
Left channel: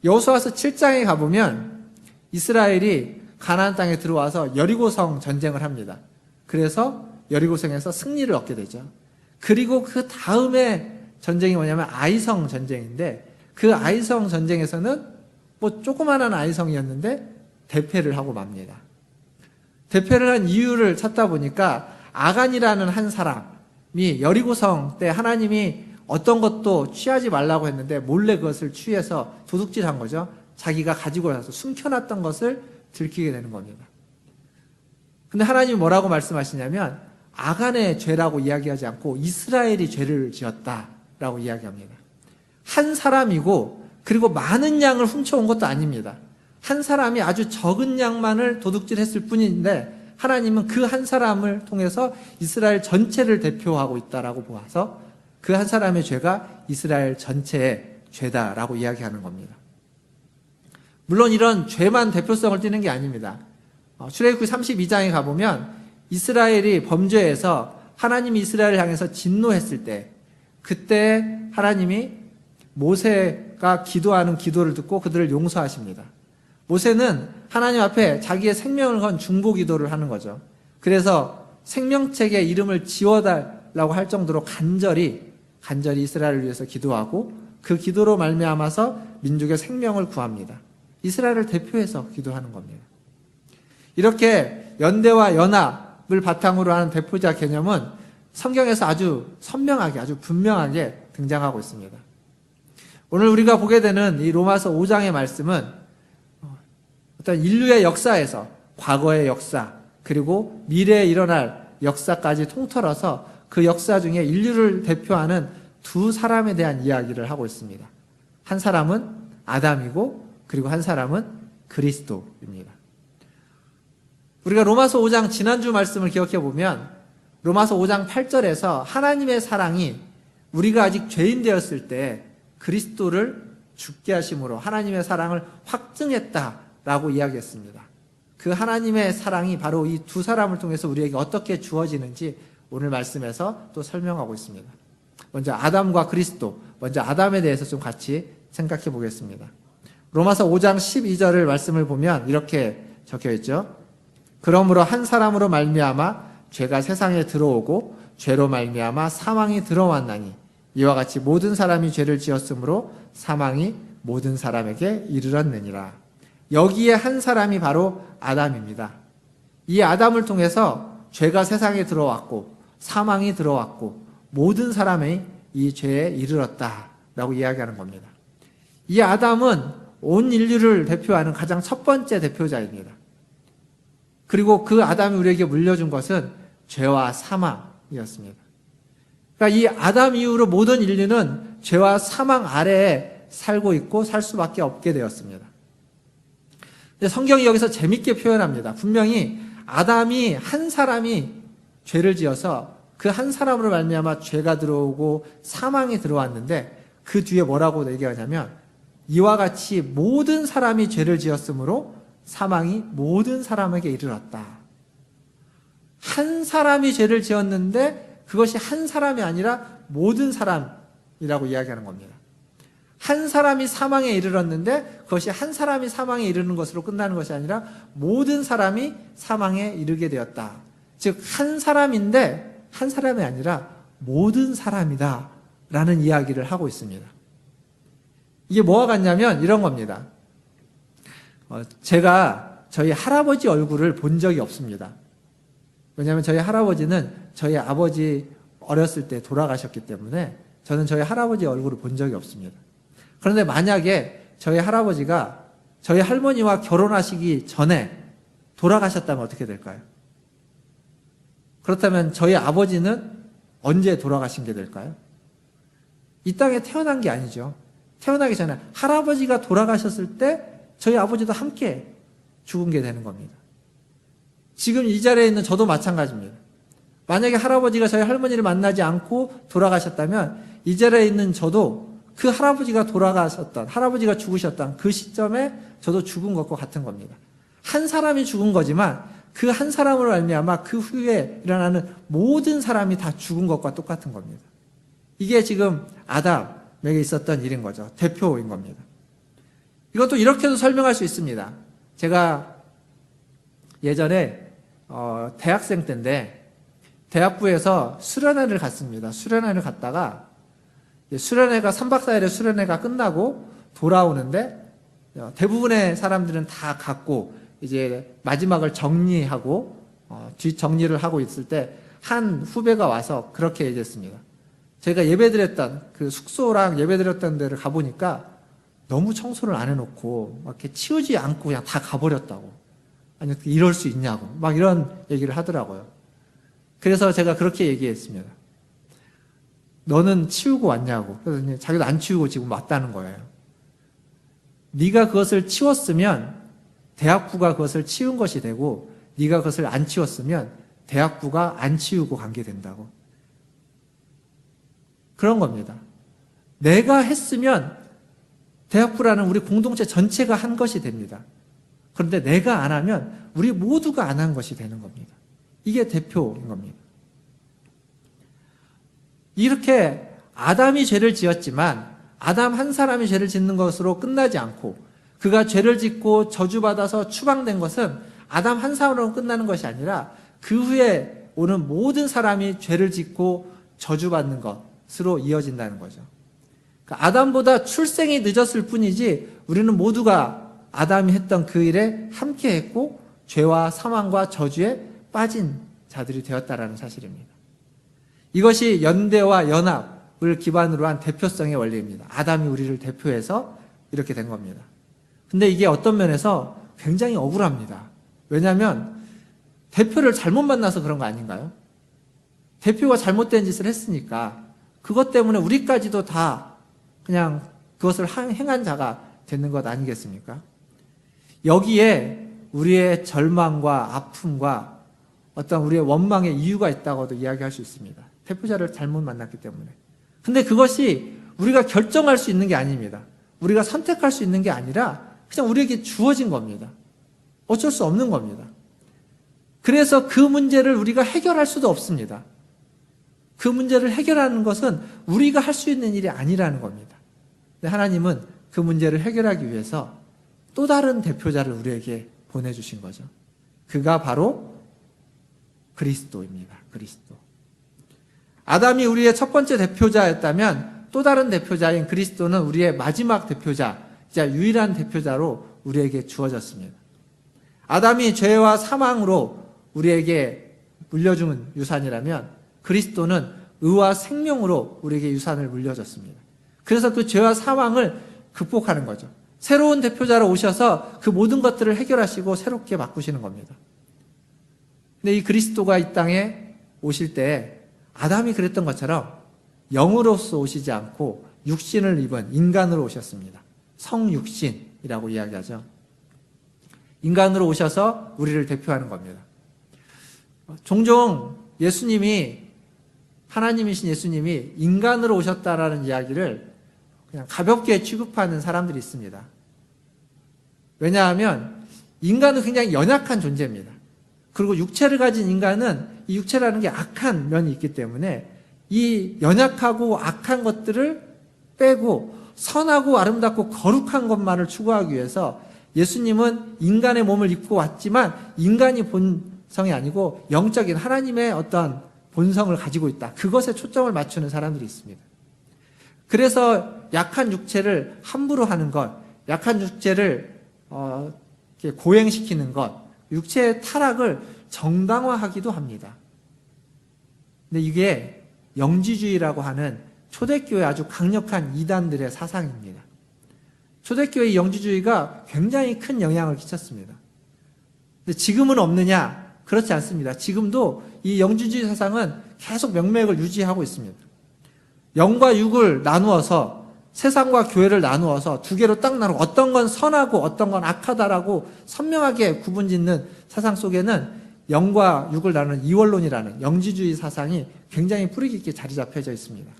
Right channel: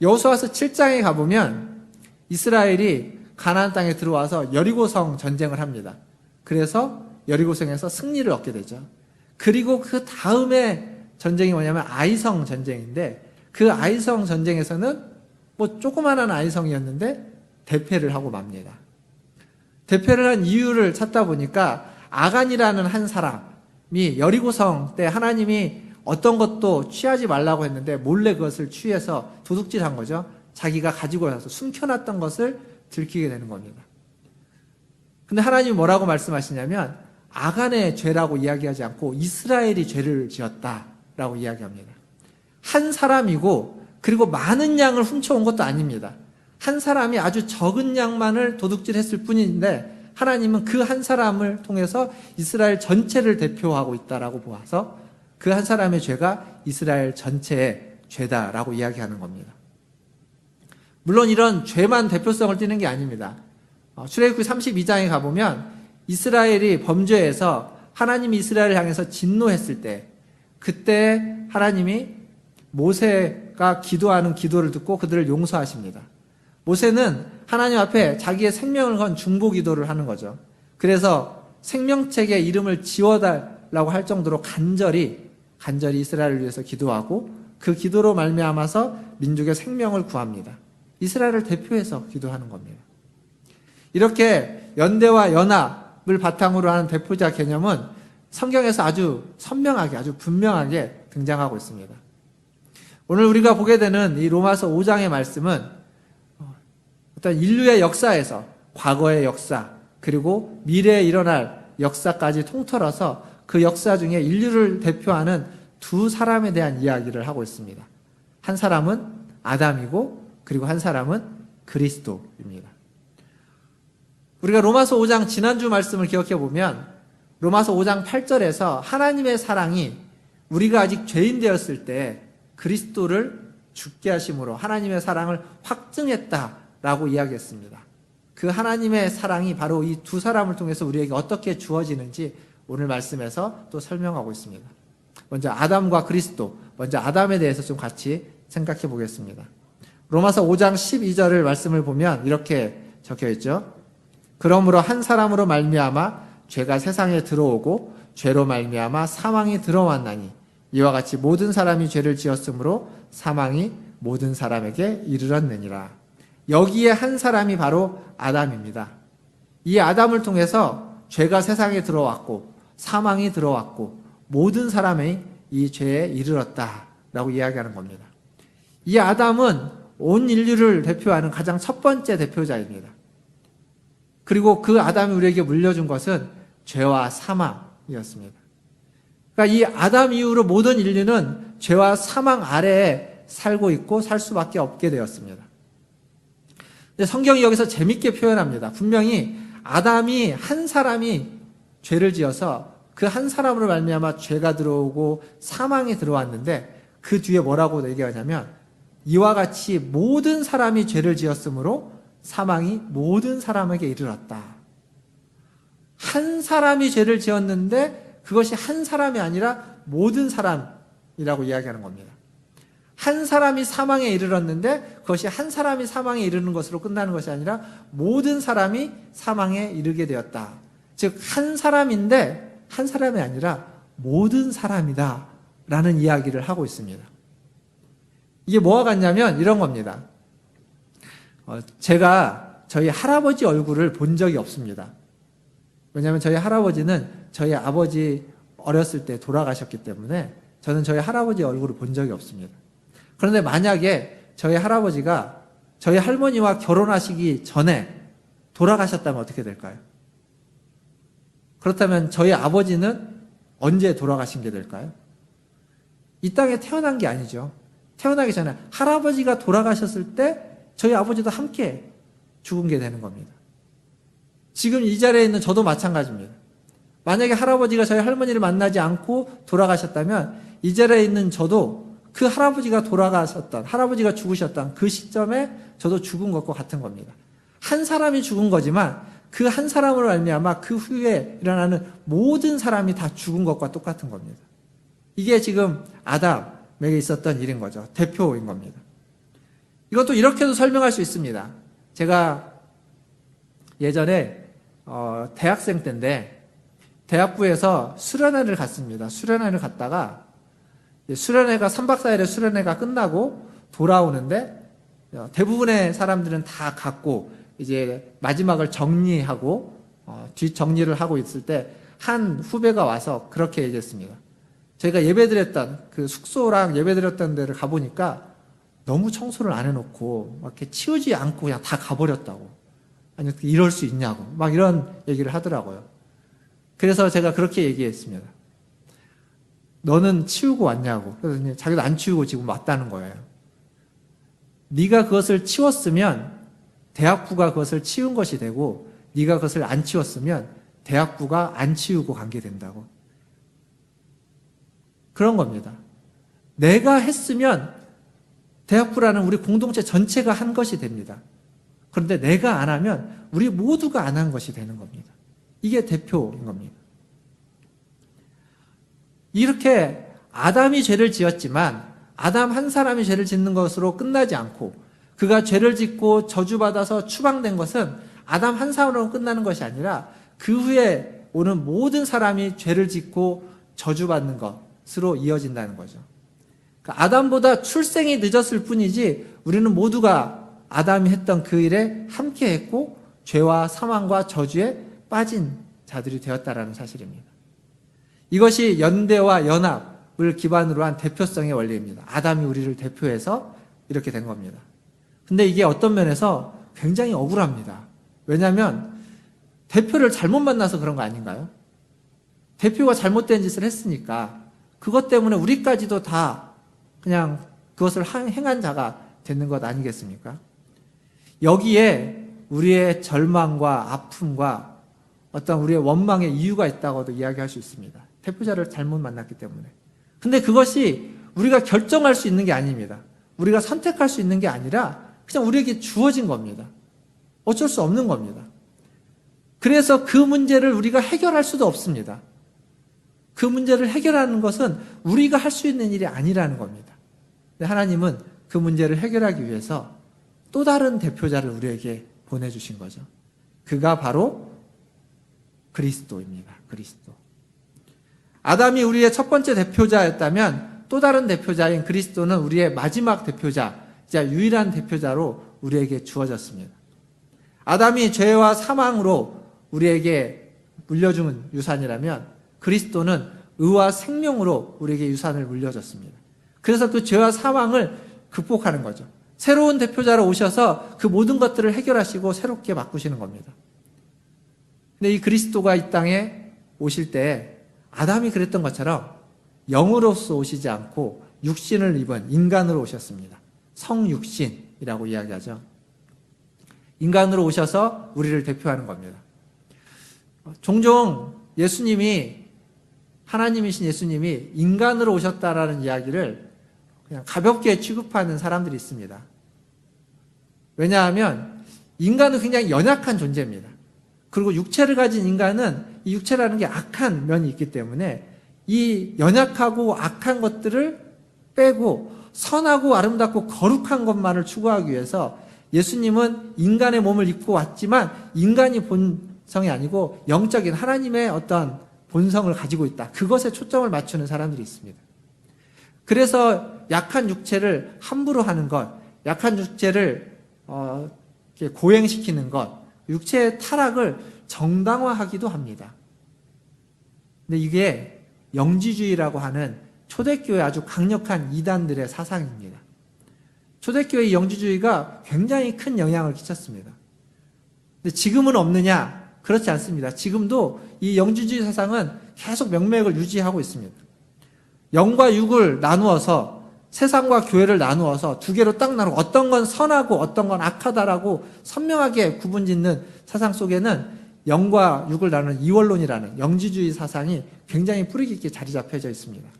여호수아서 7장에 가보면 이스라엘이 가나안 땅에 들어와서 여리고성 전쟁을 합니다. 그래서 여리고성에서 승리를 얻게 되죠. 그리고 그 다음에 전쟁이 뭐냐면 아이성 전쟁인데 그 아이성 전쟁에서는 뭐 조그마한 아이성이었는데 대패를 하고 맙니다. 대패를 한 이유를 찾다 보니까 아간이라는 한 사람이 여리고성 때 하나님이 어떤 것도 취하지 말라고 했는데 몰래 그것을 취해서 도둑질한 거죠. 자기가 가지고 와서 숨겨놨던 것을 들키게 되는 겁니다. 근데 하나님이 뭐라고 말씀하시냐면 아간의 죄라고 이야기하지 않고 이스라엘이 죄를 지었다라고 이야기합니다. 한 사람이고 그리고 많은 양을 훔쳐온 것도 아닙니다. 한 사람이 아주 적은 양만을 도둑질했을 뿐인데 하나님은 그 한 사람을 통해서 이스라엘 전체를 대표하고 있다라고 보아서 그 한 사람의 죄가 이스라엘 전체의 죄다라고 이야기하는 겁니다. 물론 이런 죄만 대표성을 띠는 게 아닙니다. 출애굽기 32장에 가보면 이스라엘이 범죄해서 하나님이 이스라엘을 향해서 진노했을 때 그때 하나님이 모세가 기도하는 기도를 듣고 그들을 용서하십니다. 모세는 하나님 앞에 자기의 생명을 건 중보 기도를 하는 거죠. 그래서 생명책에 이름을 지워달라고 할 정도로 간절히 이스라엘을 위해서 기도하고 그 기도로 말미암아서 민족의 생명을 구합니다. 이스라엘을 대표해서 기도하는 겁니다. 이렇게 연대와 연합을 바탕으로 하는 대표자 개념은 성경에서 아주 선명하게, 아주 분명하게 등장하고 있습니다. 오늘 우리가 보게 되는 이 로마서 5장의 말씀은 어떤 인류의 역사에서 과거의 역사 그리고 미래에 일어날 역사까지 통틀어서 그 역사 중에 인류를 대표하는 두 사람에 대한 이야기를 하고 있습니다. 한 사람은 아담이고 그리고 한 사람은 그리스도입니다. 우리가 로마서 5장 지난주 말씀을 기억해 보면 로마서 5장 8절에서 하나님의 사랑이 우리가 아직 죄인 되었을 때 그리스도를 죽게 하심으로 하나님의 사랑을 확증했다라고 이야기했습니다. 그 하나님의 사랑이 바로 이 두 사람을 통해서 우리에게 어떻게 주어지는지 오늘 말씀에서 또 설명하고 있습니다. 먼저 아담과 그리스도, 먼저 아담에 대해서 좀 같이 생각해 보겠습니다. 로마서 5장 12절을 말씀을 보면 이렇게 적혀 있죠. 그러므로 한 사람으로 말미암아 죄가 세상에 들어오고 죄로 말미암아 사망이 들어왔나니 이와 같이 모든 사람이 죄를 지었으므로 사망이 모든 사람에게 이르렀느니라. 여기에 한 사람이 바로 아담입니다. 이 아담을 통해서 죄가 세상에 들어왔고 사망이 들어왔고 모든 사람이 이 죄에 이르렀다라고 이야기하는 겁니다. 이 아담은 온 인류를 대표하는 가장 첫 번째 대표자입니다. 그리고 그 아담이 우리에게 물려준 것은 죄와 사망이었습니다. 그러니까 이 아담 이후로 모든 인류는 죄와 사망 아래에 살고 있고 살 수밖에 없게 되었습니다. 근데 성경이 여기서 재밌게 표현합니다. 분명히 아담이 한 사람이 죄를 지어서 그 한 사람으로 말미암아 죄가 들어오고 사망이 들어왔는데 그 뒤에 뭐라고 얘기하냐면 이와 같이 모든 사람이 죄를 지었으므로 사망이 모든 사람에게 이르렀다. 한 사람이 죄를 지었는데 그것이 한 사람이 아니라 모든 사람이라고 이야기하는 겁니다. 한 사람이 사망에 이르렀는데 그것이 한 사람이 사망에 이르는 것으로 끝나는 것이 아니라 모든 사람이 사망에 이르게 되었다. 즉 한 사람인데 한 사람이 아니라 모든 사람이다 라는 이야기를 하고 있습니다. 이게 뭐와 같냐면 이런 겁니다. 제가 저희 할아버지 얼굴을 본 적이 없습니다. 왜냐하면 저희 할아버지는 저희 아버지 어렸을 때 돌아가셨기 때문에 저는 저희 할아버지 얼굴을 본 적이 없습니다. 그런데 만약에 저희 할아버지가 저희 할머니와 결혼하시기 전에 돌아가셨다면 어떻게 될까요? 그렇다면 저희 아버지는 언제 돌아가신 게 될까요? 이 땅에 태어난 게 아니죠. 태어나기 전에 할아버지가 돌아가셨을 때 저희 아버지도 함께 죽은 게 되는 겁니다. 지금 이 자리에 있는 저도 마찬가지입니다. 만약에 할아버지가 저희 할머니를 만나지 않고 돌아가셨다면 이 자리에 있는 저도 그 할아버지가 돌아가셨던, 할아버지가 죽으셨던 그 시점에 저도 죽은 것과 같은 겁니다. 한 사람이 죽은 거지만 그 한 사람으로 말미암아 그 후에 일어나는 모든 사람이 다 죽은 것과 똑같은 겁니다. 이게 지금 아담에 있었던 일인 거죠. 대표인 겁니다. 이것도 이렇게도 설명할 수 있습니다. 제가 예전에 대학생 때인데 대학부에서 수련회를 갔습니다. 수련회를 갔다가 수련회가 3박 4일의 수련회가 끝나고 돌아오는데 대부분의 사람들은 다 갔고 이제 마지막을 정리하고 뒷정리를 하고 있을 때 한 후배가 와서 그렇게 얘기했습니다. 저희가 예배드렸던 그 숙소랑 예배드렸던 데를 가보니까 너무 청소를 안 해놓고 막 이렇게 치우지 않고 그냥 다 가버렸다고. 아니 어떻게 이럴 수 있냐고 막 이런 얘기를 하더라고요. 그래서 제가 그렇게 얘기했습니다. 너는 치우고 왔냐고. 그래서 자기가 안 치우고 지금 왔다는 거예요. 네가 그것을 치웠으면 대학부가 그것을 치운 것이 되고 네가 그것을 안 치웠으면 대학부가 안 치우고 간 게 된다고. 그런 겁니다. 내가 했으면 대학부라는 우리 공동체 전체가 한 것이 됩니다. 그런데 내가 안 하면 우리 모두가 안 한 것이 되는 겁니다. 이게 대표인 겁니다. 이렇게 아담이 죄를 지었지만 아담 한 사람이 죄를 짓는 것으로 끝나지 않고 그가 죄를 짓고 저주받아서 추방된 것은 아담 한 사람으로 끝나는 것이 아니라 그 후에 오는 모든 사람이 죄를 짓고 저주받는 것으로 이어진다는 거죠. 그러니까 아담보다 출생이 늦었을 뿐이지 우리는 모두가 아담이 했던 그 일에 함께 했고 죄와 사망과 저주에 빠진 자들이 되었다는 사실입니다. 이것이 연대와 연합을 기반으로 한 대표성의 원리입니다. 아담이 우리를 대표해서 이렇게 된 겁니다. 근데 이게 어떤 면에서 굉장히 억울합니다. 왜냐하면 대표를 잘못 만나서 그런 거 아닌가요? 대표가 잘못된 짓을 했으니까 그것 때문에 우리까지도 다 그냥 그것을 행한 자가 되는 것 아니겠습니까? 여기에 우리의 절망과 아픔과 어떤 우리의 원망의 이유가 있다고도 이야기할 수 있습니다. 대표자를 잘못 만났기 때문에. 근데 그것이 우리가 결정할 수 있는 게 아닙니다. 우리가 선택할 수 있는 게 아니라 그냥 우리에게 주어진 겁니다. 어쩔 수 없는 겁니다. 그래서 그 문제를 우리가 해결할 수도 없습니다. 그 문제를 해결하는 것은 우리가 할 수 있는 일이 아니라는 겁니다. 근데 하나님은 그 문제를 해결하기 위해서 또 다른 대표자를 우리에게 보내주신 거죠. 그가 바로 그리스도입니다. 그리스도. 아담이 우리의 첫 번째 대표자였다면 또 다른 대표자인 그리스도는 우리의 마지막 대표자, 진짜 유일한 대표자로 우리에게 주어졌습니다. 아담이 죄와 사망으로 우리에게 물려준 유산이라면 그리스도는 의와 생명으로 우리에게 유산을 물려줬습니다. 그래서 그 죄와 사망을 극복하는 거죠. 새로운 대표자로 오셔서 그 모든 것들을 해결하시고 새롭게 바꾸시는 겁니다. 근데 이 그리스도가 이 땅에 오실 때 아담이 그랬던 것처럼 영으로서 오시지 않고 육신을 입은 인간으로 오셨습니다. 성육신이라고 이야기하죠. 인간으로 오셔서 우리를 대표하는 겁니다. 종종 예수님이, 하나님이신 예수님이 인간으로 오셨다라는 이야기를 그냥 가볍게 취급하는 사람들이 있습니다. 왜냐하면 인간은 굉장히 연약한 존재입니다. 그리고 육체를 가진 인간은 이 육체라는 게 악한 면이 있기 때문에 이 연약하고 악한 것들을 빼고 선하고 아름답고 거룩한 것만을 추구하기 위해서 예수님은 인간의 몸을 입고 왔지만 인간이 본성이 아니고 영적인 하나님의 어떤 본성을 가지고 있다. 그것에 초점을 맞추는 사람들이 있습니다. 그래서 약한 육체를 함부로 하는 것, 약한 육체를 고행시키는 것, 육체의 타락을 정당화하기도 합니다. 근데 이게 영지주의라고 하는 초대교회 아주 강력한 이단들의 사상입니다. 초대교회 영지주의가 굉장히 큰 영향을 끼쳤습니다. 근데 지금은 없느냐? 그렇지 않습니다. 지금도 이 영지주의 사상은 계속 명맥을 유지하고 있습니다. 영과 육을 나누어서 세상과 교회를 나누어서 두 개로 딱 나누고 어떤 건 선하고 어떤 건 악하다라고 선명하게 구분짓는 사상 속에는 영과 육을 나누는 이원론이라는 영지주의 사상이 굉장히 뿌리 깊게 자리 잡혀져 있습니다.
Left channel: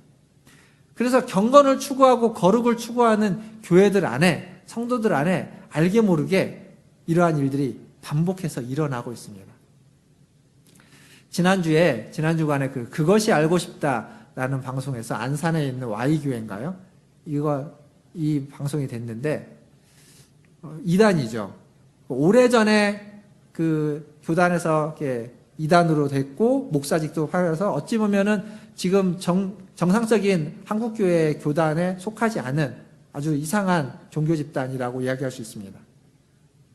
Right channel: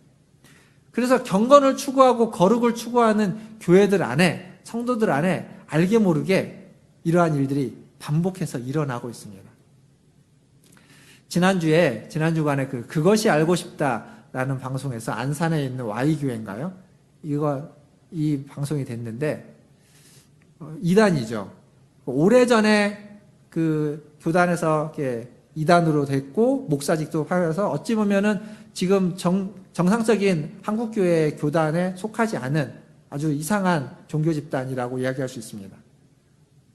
그래서 경건을 추구하고 거룩을 추구하는 교회들 안에, 성도들 안에 알게 모르게 이러한 일들이 반복해서 일어나고 있습니다. 지난주간에 그것이 알고 싶다라는 방송에서 안산에 있는 Y교회인가요? 이 방송이 됐는데, 이단이죠. 오래전에 그 교단에서 이렇게 이단으로 됐고, 목사직도 팔려서 어찌 보면은 지금 정상적인 한국교회 교단에 속하지 않은 아주 이상한 종교 집단이라고 이야기할 수 있습니다.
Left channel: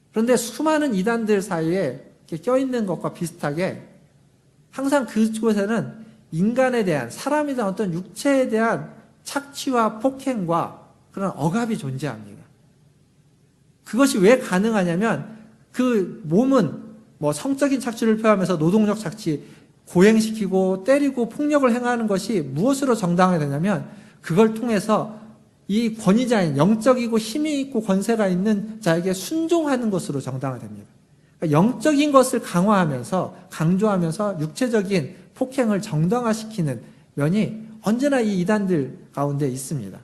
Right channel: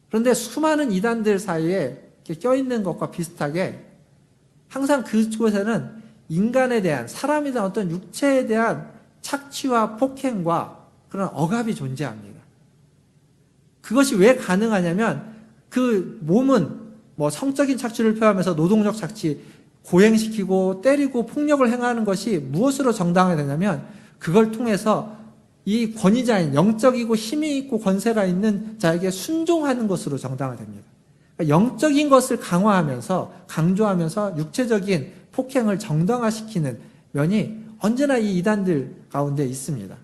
그런데 수많은 이단들 사이에 껴있는 것과 비슷하게 항상 그곳에는 인간에 대한, 사람에 대한 어떤 육체에 대한 착취와 폭행과 그런 억압이 존재합니다. 그것이 왜 가능하냐면 그 몸은 뭐 성적인 착취를 표하면서 노동력 착취, 고행시키고 때리고 폭력을 행하는 것이 무엇으로 정당화되냐면 그걸 통해서 이 권위자인, 영적이고 힘이 있고 권세가 있는 자에게 순종하는 것으로 정당화됩니다. 그러니까 영적인 것을 강화하면서, 강조하면서 육체적인 폭행을 정당화시키는 면이 언제나 이 이단들 가운데 있습니다.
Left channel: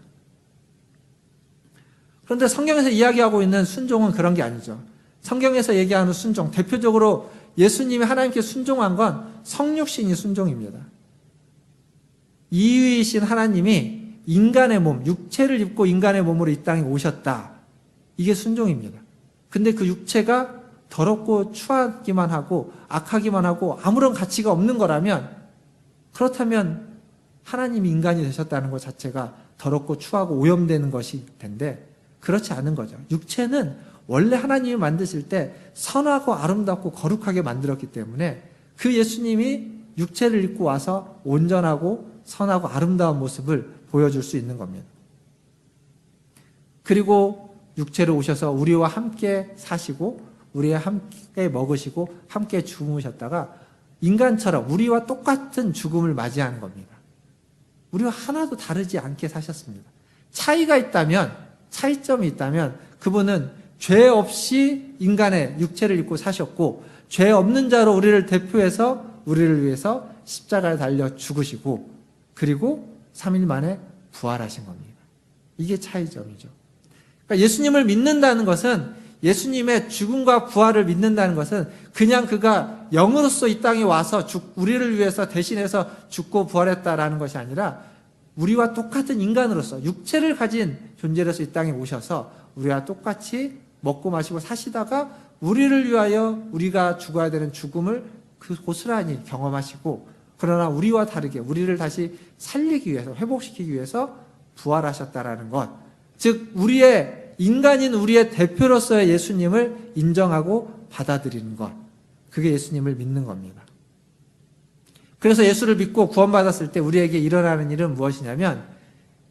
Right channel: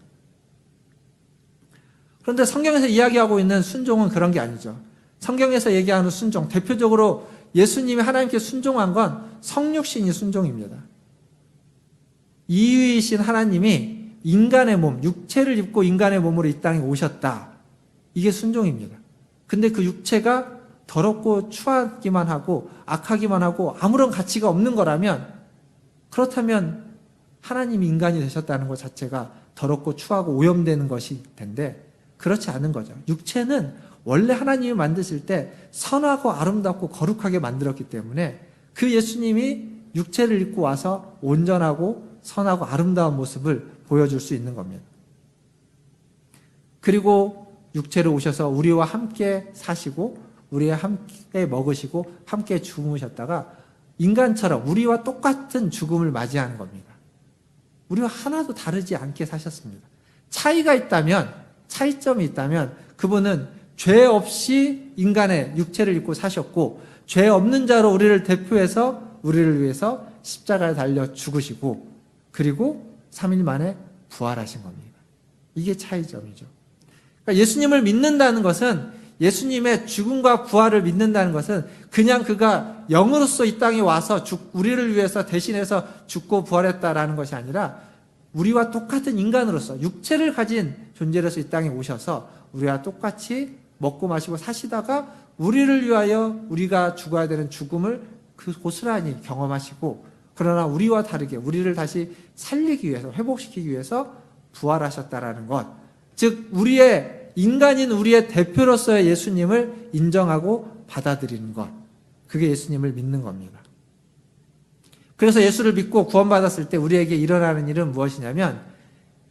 그런데 성경에서 이야기하고 있는 순종은 그런 게 아니죠. 성경에서 얘기하는 순종, 대표적으로 예수님이 하나님께 순종한 건 성육신이 순종입니다. 이유이신 하나님이 인간의 몸, 육체를 입고 인간의 몸으로 이 땅에 오셨다. 이게 순종입니다. 근데 그 육체가 더럽고 추하기만 하고 악하기만 하고 아무런 가치가 없는 거라면, 그렇다면 하나님이 인간이 되셨다는 것 자체가 더럽고 추하고 오염되는 것일 텐데 그렇지 않은 거죠. 육체는 원래 하나님이 만드실 때 선하고 아름답고 거룩하게 만들었기 때문에 그 예수님이 육체를 입고 와서 온전하고 선하고 아름다운 모습을 보여줄 수 있는 겁니다. 그리고 육체로 오셔서 우리와 함께 사시고 우리와 함께 먹으시고 함께 주무셨다가 인간처럼 우리와 똑같은 죽음을 맞이하는 겁니다. 우리와 하나도 다르지 않게 사셨습니다. 차이가 있다면, 차이점이 있다면 그분은 죄 없이 인간의 육체를 입고 사셨고 죄 없는 자로 우리를 대표해서 우리를 위해서 십자가를 달려 죽으시고 그리고 3일 만에 부활하신 겁니다. 이게 차이점이죠. 그러니까 예수님을 믿는다는 것은, 예수님의 죽음과 부활을 믿는다는 것은 그냥 그가 영으로서 이 땅에 와서 우리를 위해서 대신해서 죽고 부활했다라는 것이 아니라 우리와 똑같은 인간으로서 육체를 가진 존재로서 이 땅에 오셔서 우리와 똑같이 먹고 마시고 사시다가 우리를 위하여 우리가 죽어야 되는 죽음을 그 고스란히 경험하시고, 그러나 우리와 다르게 우리를 다시 살리기 위해서, 회복시키기 위해서 부활하셨다라는 것, 즉 우리의 인간인 우리의 대표로서의 예수님을 인정하고 받아들이는 것. 그게 예수님을 믿는 겁니다. 그래서 예수를 믿고 구원받았을 때 우리에게 일어나는 일은 무엇이냐면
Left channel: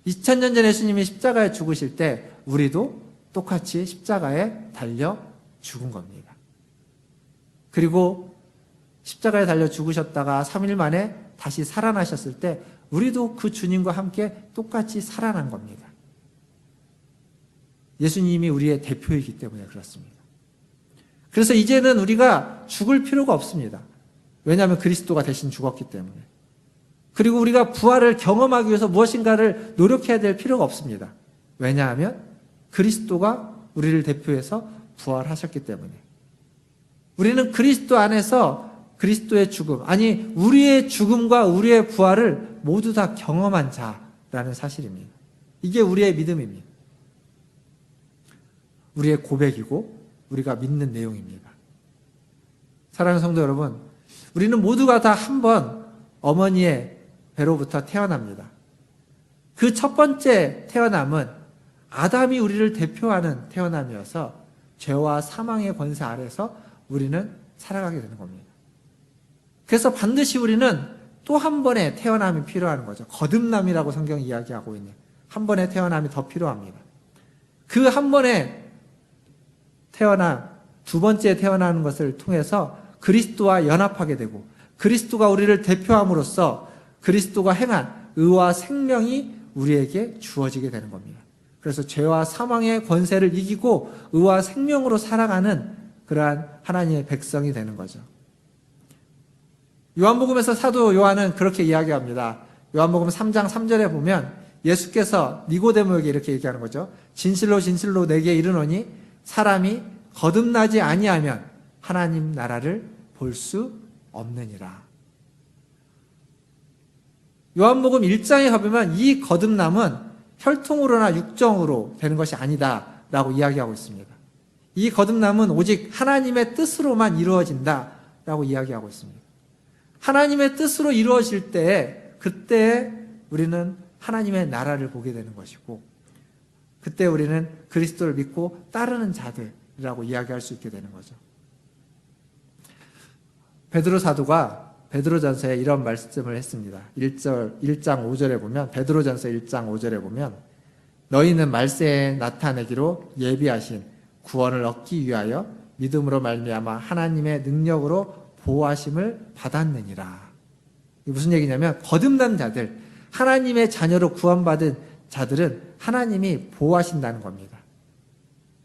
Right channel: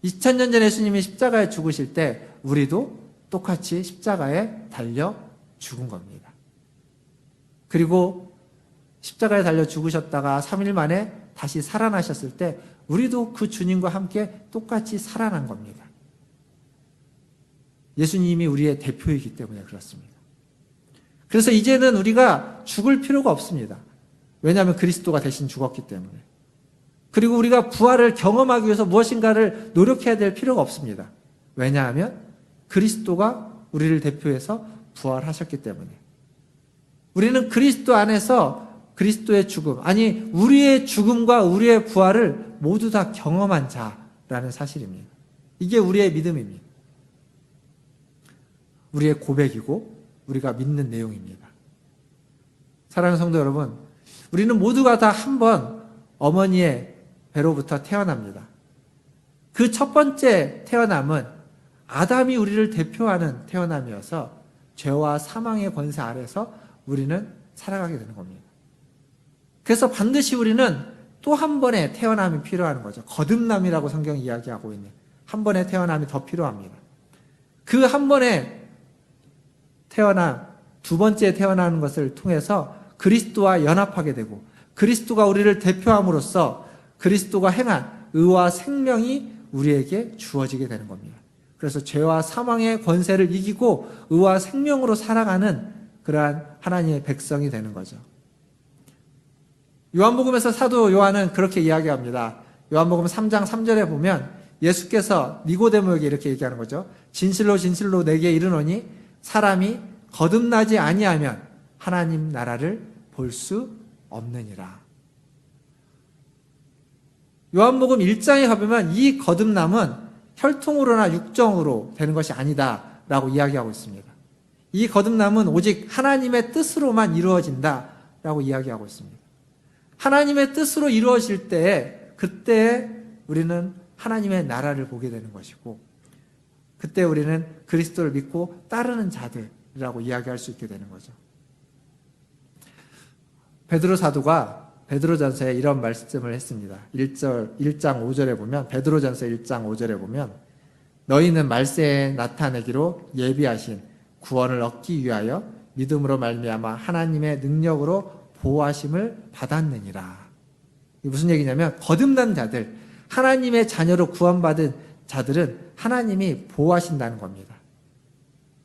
2000년 전에 예수님이 십자가에 죽으실 때 우리도 똑같이 십자가에 달려 죽은 겁니다. 그리고 십자가에 달려 죽으셨다가 3일 만에 다시 살아나셨을 때 우리도 그 주님과 함께 똑같이 살아난 겁니다. 예수님이 우리의 대표이기 때문에 그렇습니다. 그래서 이제는 우리가 죽을 필요가 없습니다. 왜냐하면 그리스도가 대신 죽었기 때문에. 그리고 우리가 부활을 경험하기 위해서 무엇인가를 노력해야 될 필요가 없습니다. 왜냐하면 그리스도가 우리를 대표해서 부활하셨기 때문에. 우리는 그리스도 안에서 그리스도의 죽음, 아니 우리의 죽음과 우리의 부활을 모두 다 경험한 자라는 사실입니다. 이게 우리의 믿음입니다. 우리의 고백이고 우리가 믿는 내용입니다. 사랑하는 성도 여러분, 우리는 모두가 다 한 번 어머니의 배로부터 태어납니다. 그 첫 번째 태어남은 아담이 우리를 대표하는 태어남이어서 죄와 사망의 권세 아래서 우리는 살아가게 되는 겁니다. 그래서 반드시 우리는 또 한 번의 태어남이 필요한 거죠. 거듭남이라고 성경이 이야기하고 있는 한 번의 태어남이 더 필요합니다. 그 한 번의 태어남, 두 번째 태어나는 것을 통해서 그리스도와 연합하게 되고 그리스도가 우리를 대표함으로써 그리스도가 행한 의와 생명이 우리에게 주어지게 되는 겁니다. 그래서 죄와 사망의 권세를 이기고 의와 생명으로 살아가는 그러한 하나님의 백성이 되는 거죠. 요한복음에서 사도 요한은 그렇게 이야기합니다. 요한복음 3장 3절에 보면 예수께서 니고데모에게 이렇게 얘기하는 거죠. 진실로 진실로 내게 이르노니 사람이 거듭나지 아니하면 하나님 나라를 볼 수 없느니라. 요한복음 1장에 가보면 이 거듭남은 혈통으로나 육정으로 되는 것이 아니다 라고 이야기하고 있습니다. 이 거듭남은 오직 하나님의 뜻으로만 이루어진다 라고 이야기하고 있습니다. 하나님의 뜻으로 이루어질 때 그때 우리는 하나님의 나라를 보게 되는 것이고 그때 우리는 그리스도를 믿고 따르는 자들이라고 이야기할 수 있게 되는 거죠. 베드로 사도가 베드로전서에 이런 말씀을 했습니다. 1장 5절에 보면 베드로전서 1장 5절에 보면 너희는 말세에 나타내기로 예비하신 구원을 얻기 위하여 믿음으로 말미암아 하나님의 능력으로 보호하심을 받았느니라. 무슨 얘기냐면 거듭난 자들, 하나님의 자녀로 구원받은 자들은 하나님이 보호하신다는 겁니다.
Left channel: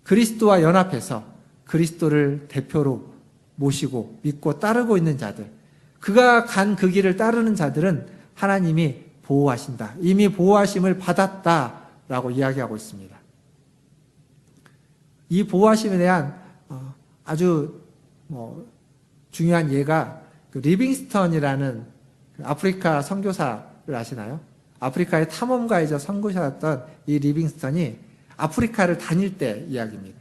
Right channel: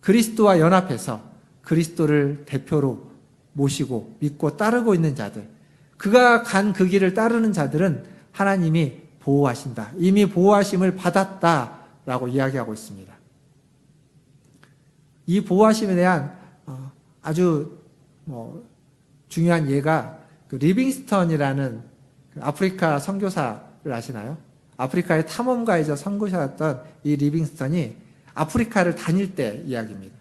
그리스도와 연합해서 그리스도를 대표로 모시고 믿고 따르고 있는 자들, 그가 간 그 길을 따르는 자들은 하나님이 보호하신다. 이미 보호하심을 받았다라고 이야기하고 있습니다. 이 보호하심에 대한 아주 중요한 예가 그 리빙스턴이라는 아프리카 선교사를 아시나요? 아프리카의 탐험가이자 선교사였던 이 리빙스턴이 아프리카를 다닐 때 이야기입니다.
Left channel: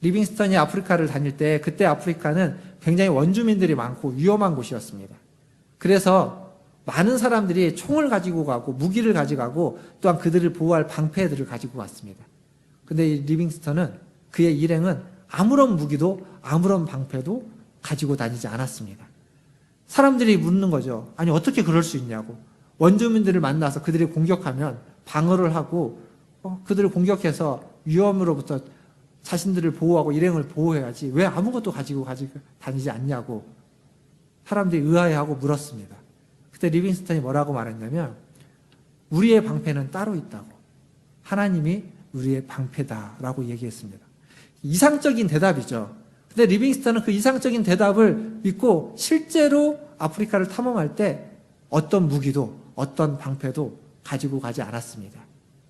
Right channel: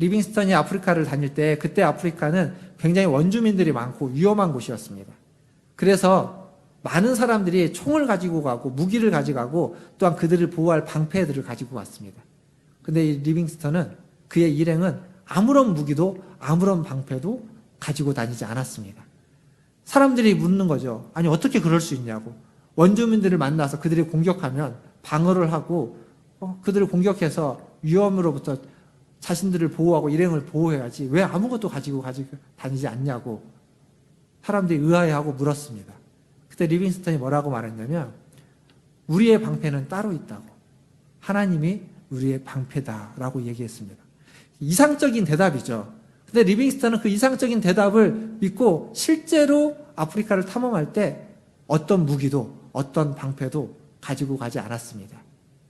리빙스턴이 아프리카를 다닐 때 그때 아프리카는 굉장히 원주민들이 많고 위험한 곳이었습니다. 그래서 많은 사람들이 총을 가지고 가고 무기를 가져가고 또한 그들을 보호할 방패들을 가지고 왔습니다. 근데 이 리빙스턴은 그의 일행은 아무런 무기도 아무런 방패도 가지고 다니지 않았습니다. 사람들이 묻는 거죠. 아니 어떻게 그럴 수 있냐고. 원주민들을 만나서 그들이 공격하면 방어를 하고 그들을 공격해서 위험으로부터 자신들을 보호하고 일행을 보호해야지 왜 아무것도 가지고 다니지 않냐고 사람들이 의아해하고 물었습니다. 그때 리빙스턴이 뭐라고 말했냐면 우리의 방패는 따로 있다고. 하나님이 우리의 방패다라고 얘기했습니다. 이상적인 대답이죠. 근데 리빙스턴은 그 이상적인 대답을 믿고 실제로 아프리카를 탐험할 때 어떤 무기도 어떤 방패도 가지고 가지 않았습니다.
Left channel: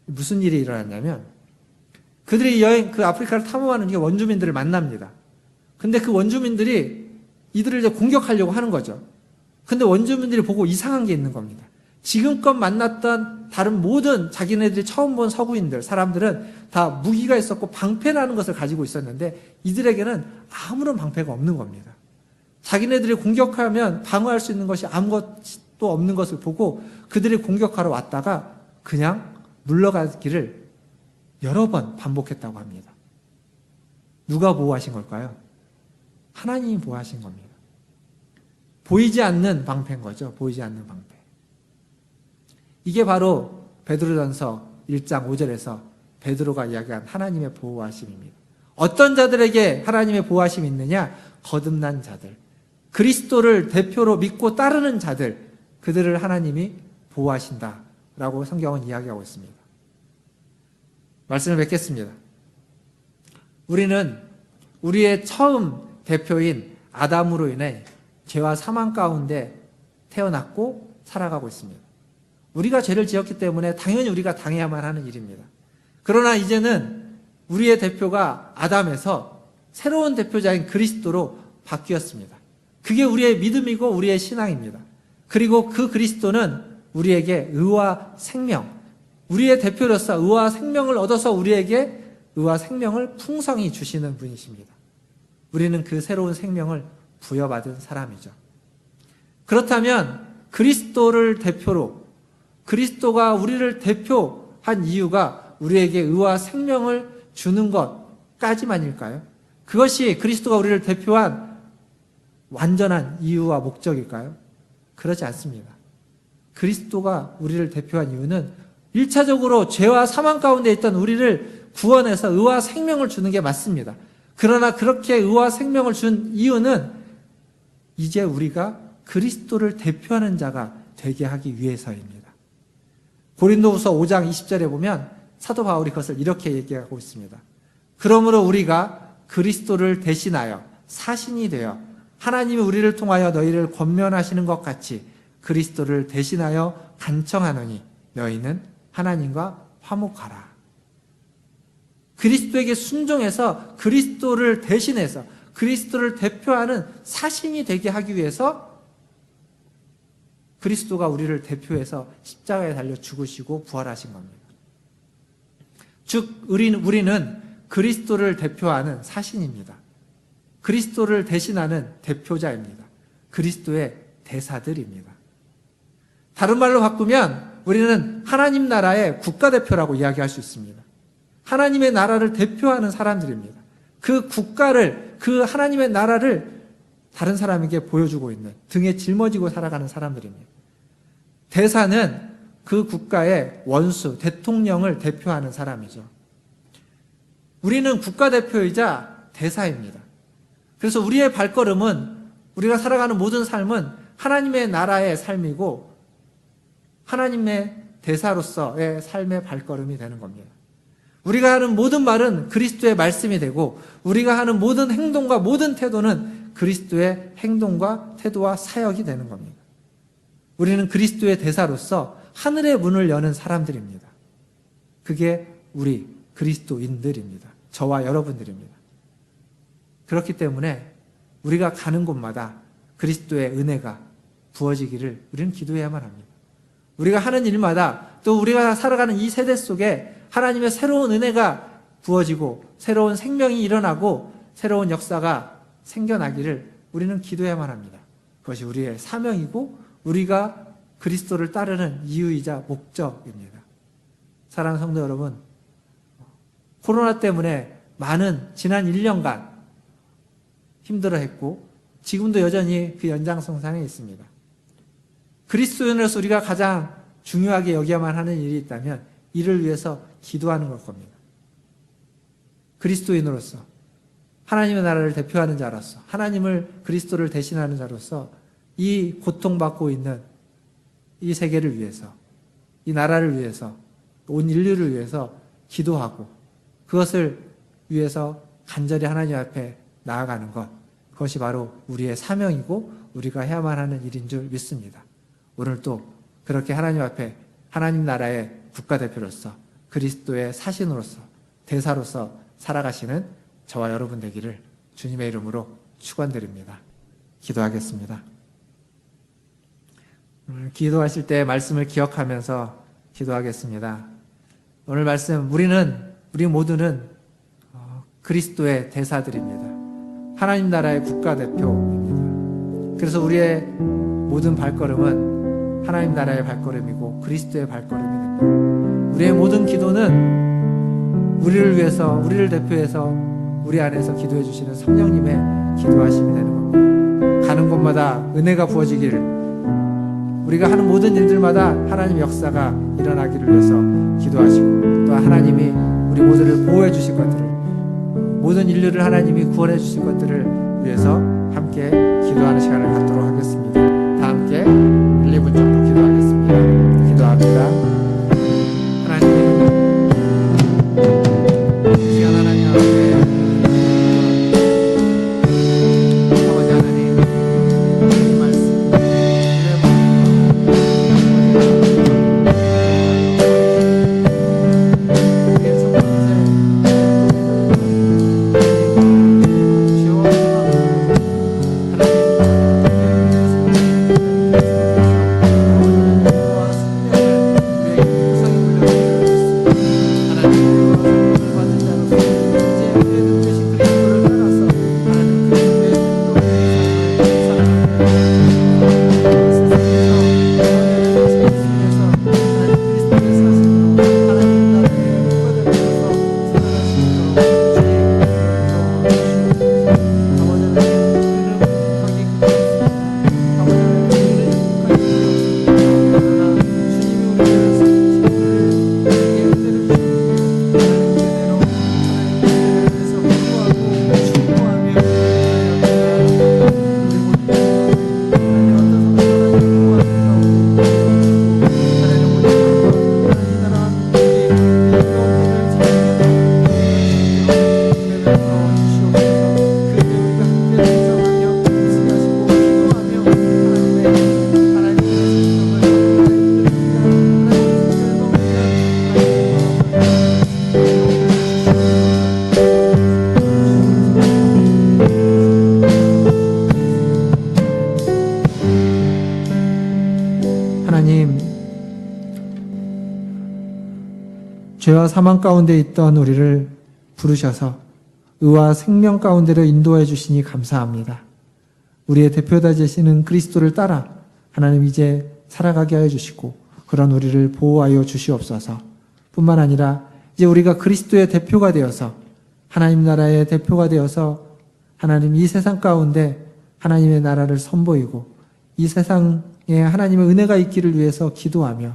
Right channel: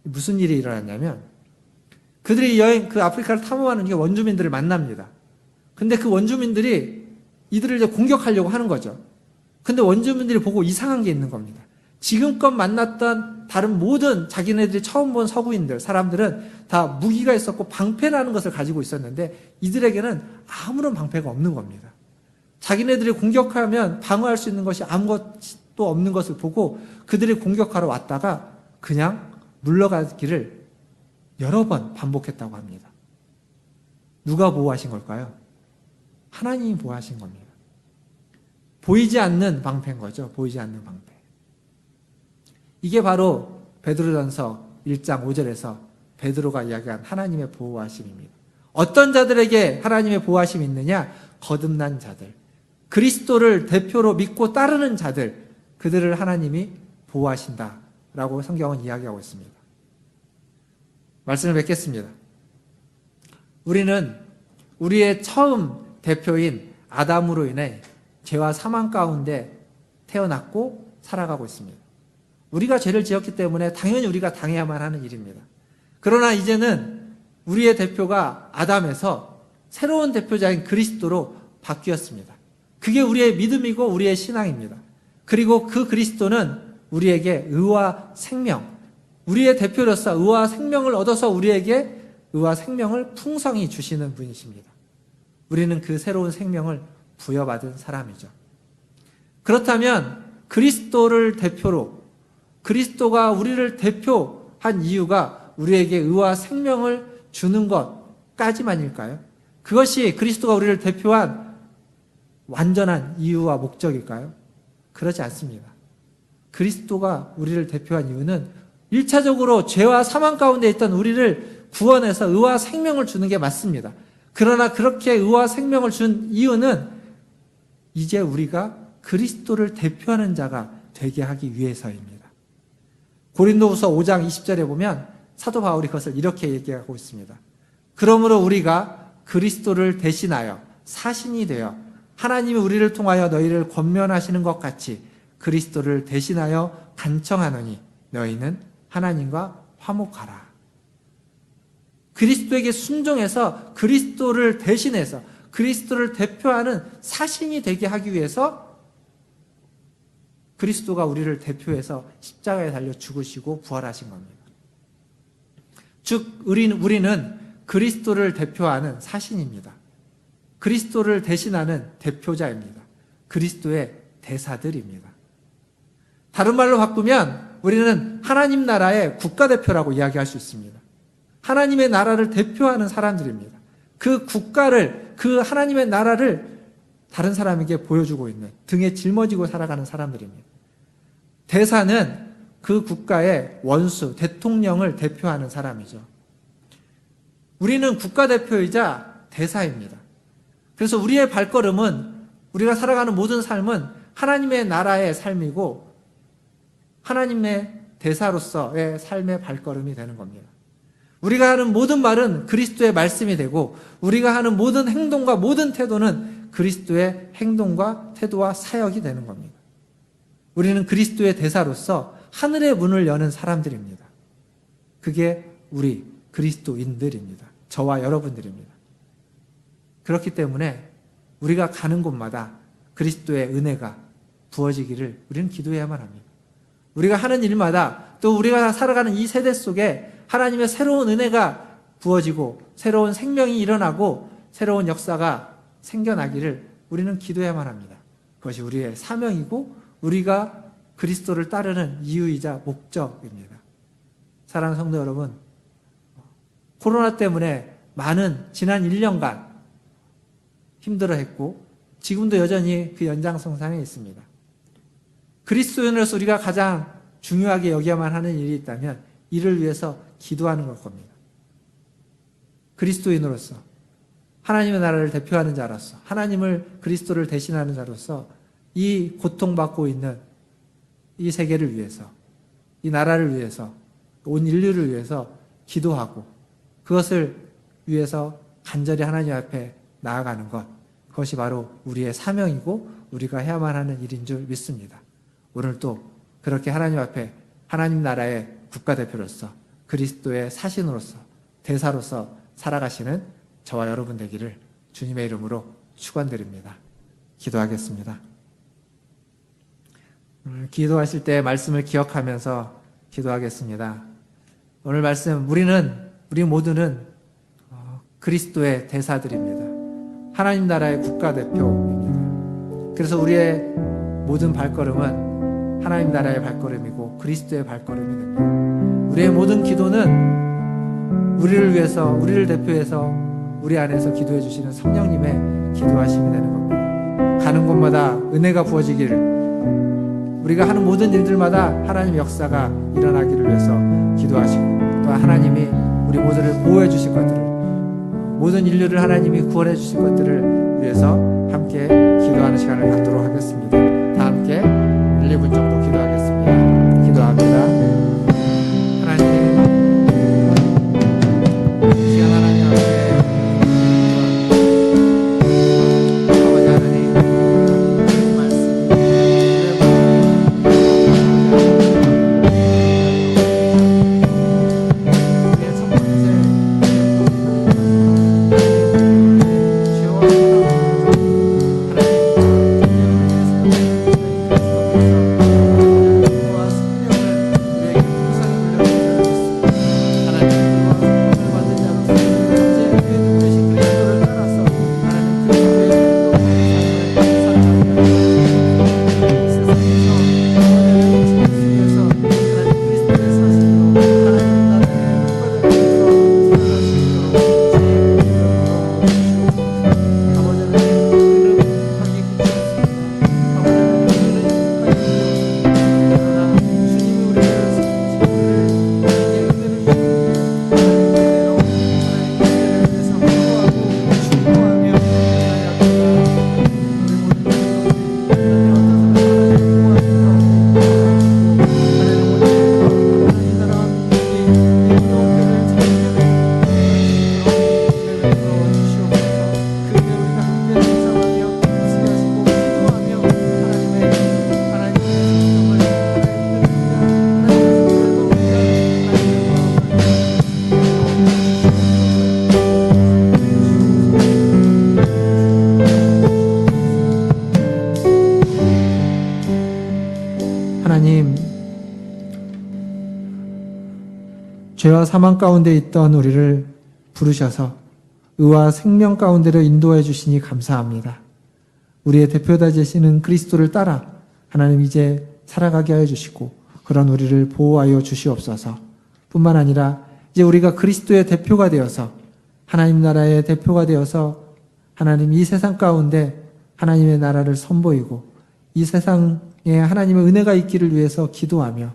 무슨 일이 일어났냐면 그들이 그 아프리카를 탐험하는 게 원주민들을 만납니다. 근데 그 원주민들이 이들을 이제 공격하려고 하는 거죠. 근데 원주민들이 보고 이상한 게 있는 겁니다. 지금껏 만났던 다른 모든 자기네들이 처음 본 서구인들, 사람들은 다 무기가 있었고 방패라는 것을 가지고 있었는데 이들에게는 아무런 방패가 없는 겁니다. 자기네들이 공격하면 방어할 수 있는 것이 아무것도 없는 것을 보고 그들이 공격하러 왔다가 그냥 물러가기를 여러 번 반복했다고 합니다. 누가 보호하신 걸까요? 하나님이 보호하신 겁니다. 보이지 않는 방패인 거죠. 보이지 않는 방패. 이게 바로 베드로전서 1장 5절에서 베드로가 이야기한 하나님의 보호하심입니다. 어떤 자들에게 하나님의 보호하심이 있느냐? 거듭난 자들, 그리스도를 대표로 믿고 따르는 자들, 그들을 하나님이 보호하신다라고 성경은 이야기하고 있습니다. 말씀을 뵙겠습니다. 우리는 우리의 처음 대표인 아담으로 인해 죄와 사망 가운데 태어났고 살아가고 있습니다. 우리가 죄를 지었기 때문에 당연히 우리가 당해야만 하는 일입니다. 그러나 이제는 우리의 대표가 아담에서 새로운 대표자인 그리스도로 바뀌었습니다. 그게 우리의 믿음이고 우리의 신앙입니다. 그리고 그 그리스도는 우리에게 의와 생명, 우리의 대표로서 의와 생명을 얻어서 우리에게 의와 생명을 풍성히 주시는 분이십니다. 우리는 그 새로운 생명을 부여받은 사람이죠. 그렇다면 그리스도를 대표로, 그리스도가 우리를 대표한 이유가 우리에게 의와 생명을 주는 것까지만일까요? 그것이 그리스도가 우리를 대표한 완전한 이유와 목적일까요? 그러지 않습니다. 그리스도가 우리를 대표한 이유는 1차적으로 죄와 사망 가운데 있던 우리를 구원해서 의와 생명을 주는 게 맞습니다. 그러나 그렇게 의와 생명을 준 이유는 이제 우리가 그리스도를 대표하는 자가 되게 하기 위해서입니다. 고린도후서 5장 20절에 보면 사도 바울이 그것을 이렇게 얘기하고 있습니다. 그러므로 우리가 그리스도를 대신하여 사신이 되어 하나님이 우리를 통하여 너희를 권면하시는 것 같이 그리스도를 대신하여 간청하노니 너희는 하나님과 화목하라. 그리스도에게 순종해서 그리스도를 대신해서 그리스도를 대표하는 사신이 되게 하기 위해서 그리스도가 우리를 대표해서 십자가에 달려 죽으시고 부활하신 겁니다. 즉 우리는 그리스도를 대표하는 사신입니다. 그리스도를 대신하는 대표자입니다. 그리스도의 대사들입니다. 다른 말로 바꾸면 우리는 하나님 나라의 국가대표라고 이야기할 수 있습니다. 하나님의 나라를 대표하는 사람들입니다. 그 국가를, 그 하나님의 나라를 다른 사람에게 보여주고 있는, 등에 짊어지고 살아가는 사람들입니다. 대사는 그 국가의 원수, 대통령을 대표하는 사람이죠. 우리는 국가대표이자 대사입니다. 그래서 우리의 발걸음은, 우리가 살아가는 모든 삶은 하나님의 나라의 삶이고 하나님의 대사로서의 삶의 발걸음이 되는 겁니다. 우리가 하는 모든 말은 그리스도의 말씀이 되고 우리가 하는 모든 행동과 모든 태도는 그리스도의 행동과 태도와 사역이 되는 겁니다. 우리는 그리스도의 대사로서 하늘의 문을 여는 사람들입니다. 그게 우리 그리스도인들입니다. 저와 여러분들입니다. 그렇기 때문에 우리가 가는 곳마다 그리스도의 은혜가 부어지기를 우리는 기도해야만 합니다. 우리가 하는 일마다 또 우리가 살아가는 이 세대 속에 하나님의 새로운 은혜가 부어지고 새로운 생명이 일어나고 새로운 역사가 생겨나기를 우리는 기도해야만 합니다. 그것이 우리의 사명이고 우리가 그리스도를 따르는 이유이자 목적입니다. 사랑하는 성도 여러분, 코로나 때문에 많은 지난 1년간 힘들어했고 지금도 여전히 그 연장선상에 있습니다. 그리스도인으로서 우리가 가장 중요하게 여겨야만 하는 일이 있다면 이를 위해서 기도하는 걸 겁니다. 그리스도인으로서 하나님의 나라를 대표하는 자로서 하나님을 그리스도를 대신하는 자로서 이 고통받고 있는 이 세계를 위해서 이 나라를 위해서 온 인류를 위해서 기도하고 그것을 위해서 간절히 하나님 앞에 나아가는 것, 그것이 바로 우리의 사명이고 우리가 해야만 하는 일인 줄 믿습니다. 오늘 또 그렇게 하나님 앞에 하나님 나라의 국가대표로서 그리스도의 사신으로서 대사로서 살아가시는 저와 여러분 되기를 주님의 이름으로 축원드립니다. 기도하겠습니다. 기도하실 때 말씀을 기억하면서 기도하겠습니다. 오늘 말씀 우리 모두는 그리스도의 대사들입니다. 하나님 나라의 국가대표입니다. 그래서 우리의 모든 발걸음은 하나님 나라의 발걸음이고 그리스도의 발걸음이 됩니다. 우리의 모든 기도는 우리를 위해서, 우리를 대표해서 우리 안에서 기도해 주시는 성령님의 기도하심이 되는 겁니다. 가는 곳마다 은혜가 부어지기를, 우리가 하는 모든 일들마다 하나님 역사가 일어나기를 위해서 기도하시고, 또 하나님이 우리 모두를 보호해 주실 것들을, 모든 인류를 하나님이 구원해 주실 것들을 위해서 함께 기도하는 시간을 갖도록 하겠습니다. 다 함께 1, 2분 정도 기도하겠습니다. 기도합니다. 죄와 사망 가운데 있던 우리를 부르셔서 의와 생명 가운데로 인도해 주시니 감사합니다. 우리의 대표다 되시는 그리스도를 따라 하나님 이제 살아가게 하여 주시고, 그런 우리를 보호하여 주시옵소서. 뿐만 아니라 이제 우리가 그리스도의 대표가 되어서, 하나님 나라의 대표가 되어서 하나님 이 세상 가운데 하나님의 나라를 선보이고, 이 세상에 하나님의 은혜가 있기를 위해서 기도하며,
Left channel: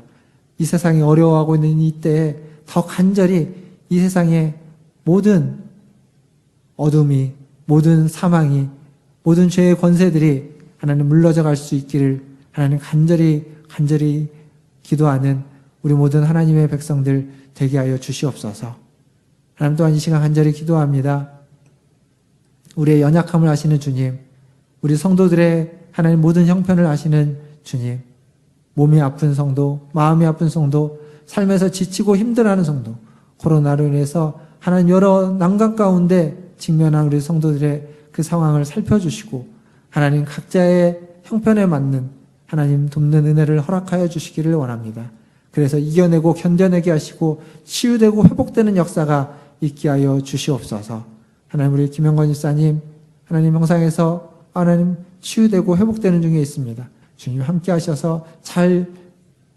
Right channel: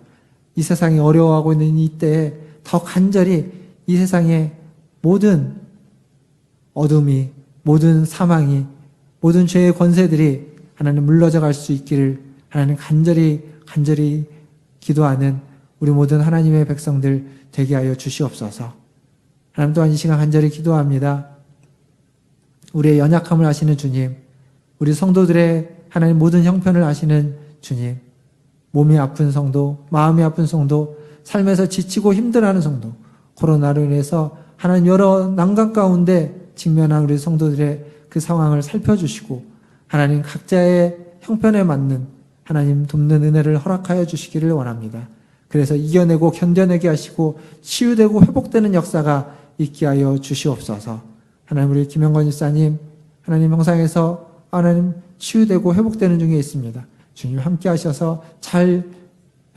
이 세상이 어려워하고 있는 이 때에 더 간절히 이 세상의 모든 어둠이, 모든 사망이, 모든 죄의 권세들이 하나님 물러져 갈 수 있기를 하나님 간절히 기도하는 우리 모든 하나님의 백성들 되게 하여 주시옵소서. 하나님 또한 이 시간 간절히 기도합니다. 우리의 연약함을 아시는 주님, 우리 성도들의 하나님 모든 형편을 아시는 주님, 몸이 아픈 성도, 마음이 아픈 성도, 삶에서 지치고 힘들어하는 성도, 코로나로 인해서 하나님 여러 난관 가운데 직면한 우리 성도들의 그 상황을 살펴주시고, 하나님 각자의 형편에 맞는 하나님 돕는 은혜를 허락하여 주시기를 원합니다. 그래서 이겨내고 견뎌내게 하시고 치유되고 회복되는 역사가 있게 하여 주시옵소서. 하나님, 우리 김영건 집사님 하나님 형상에서 하나님 치유되고 회복되는 중에 있습니다. 주님 함께 하셔서 잘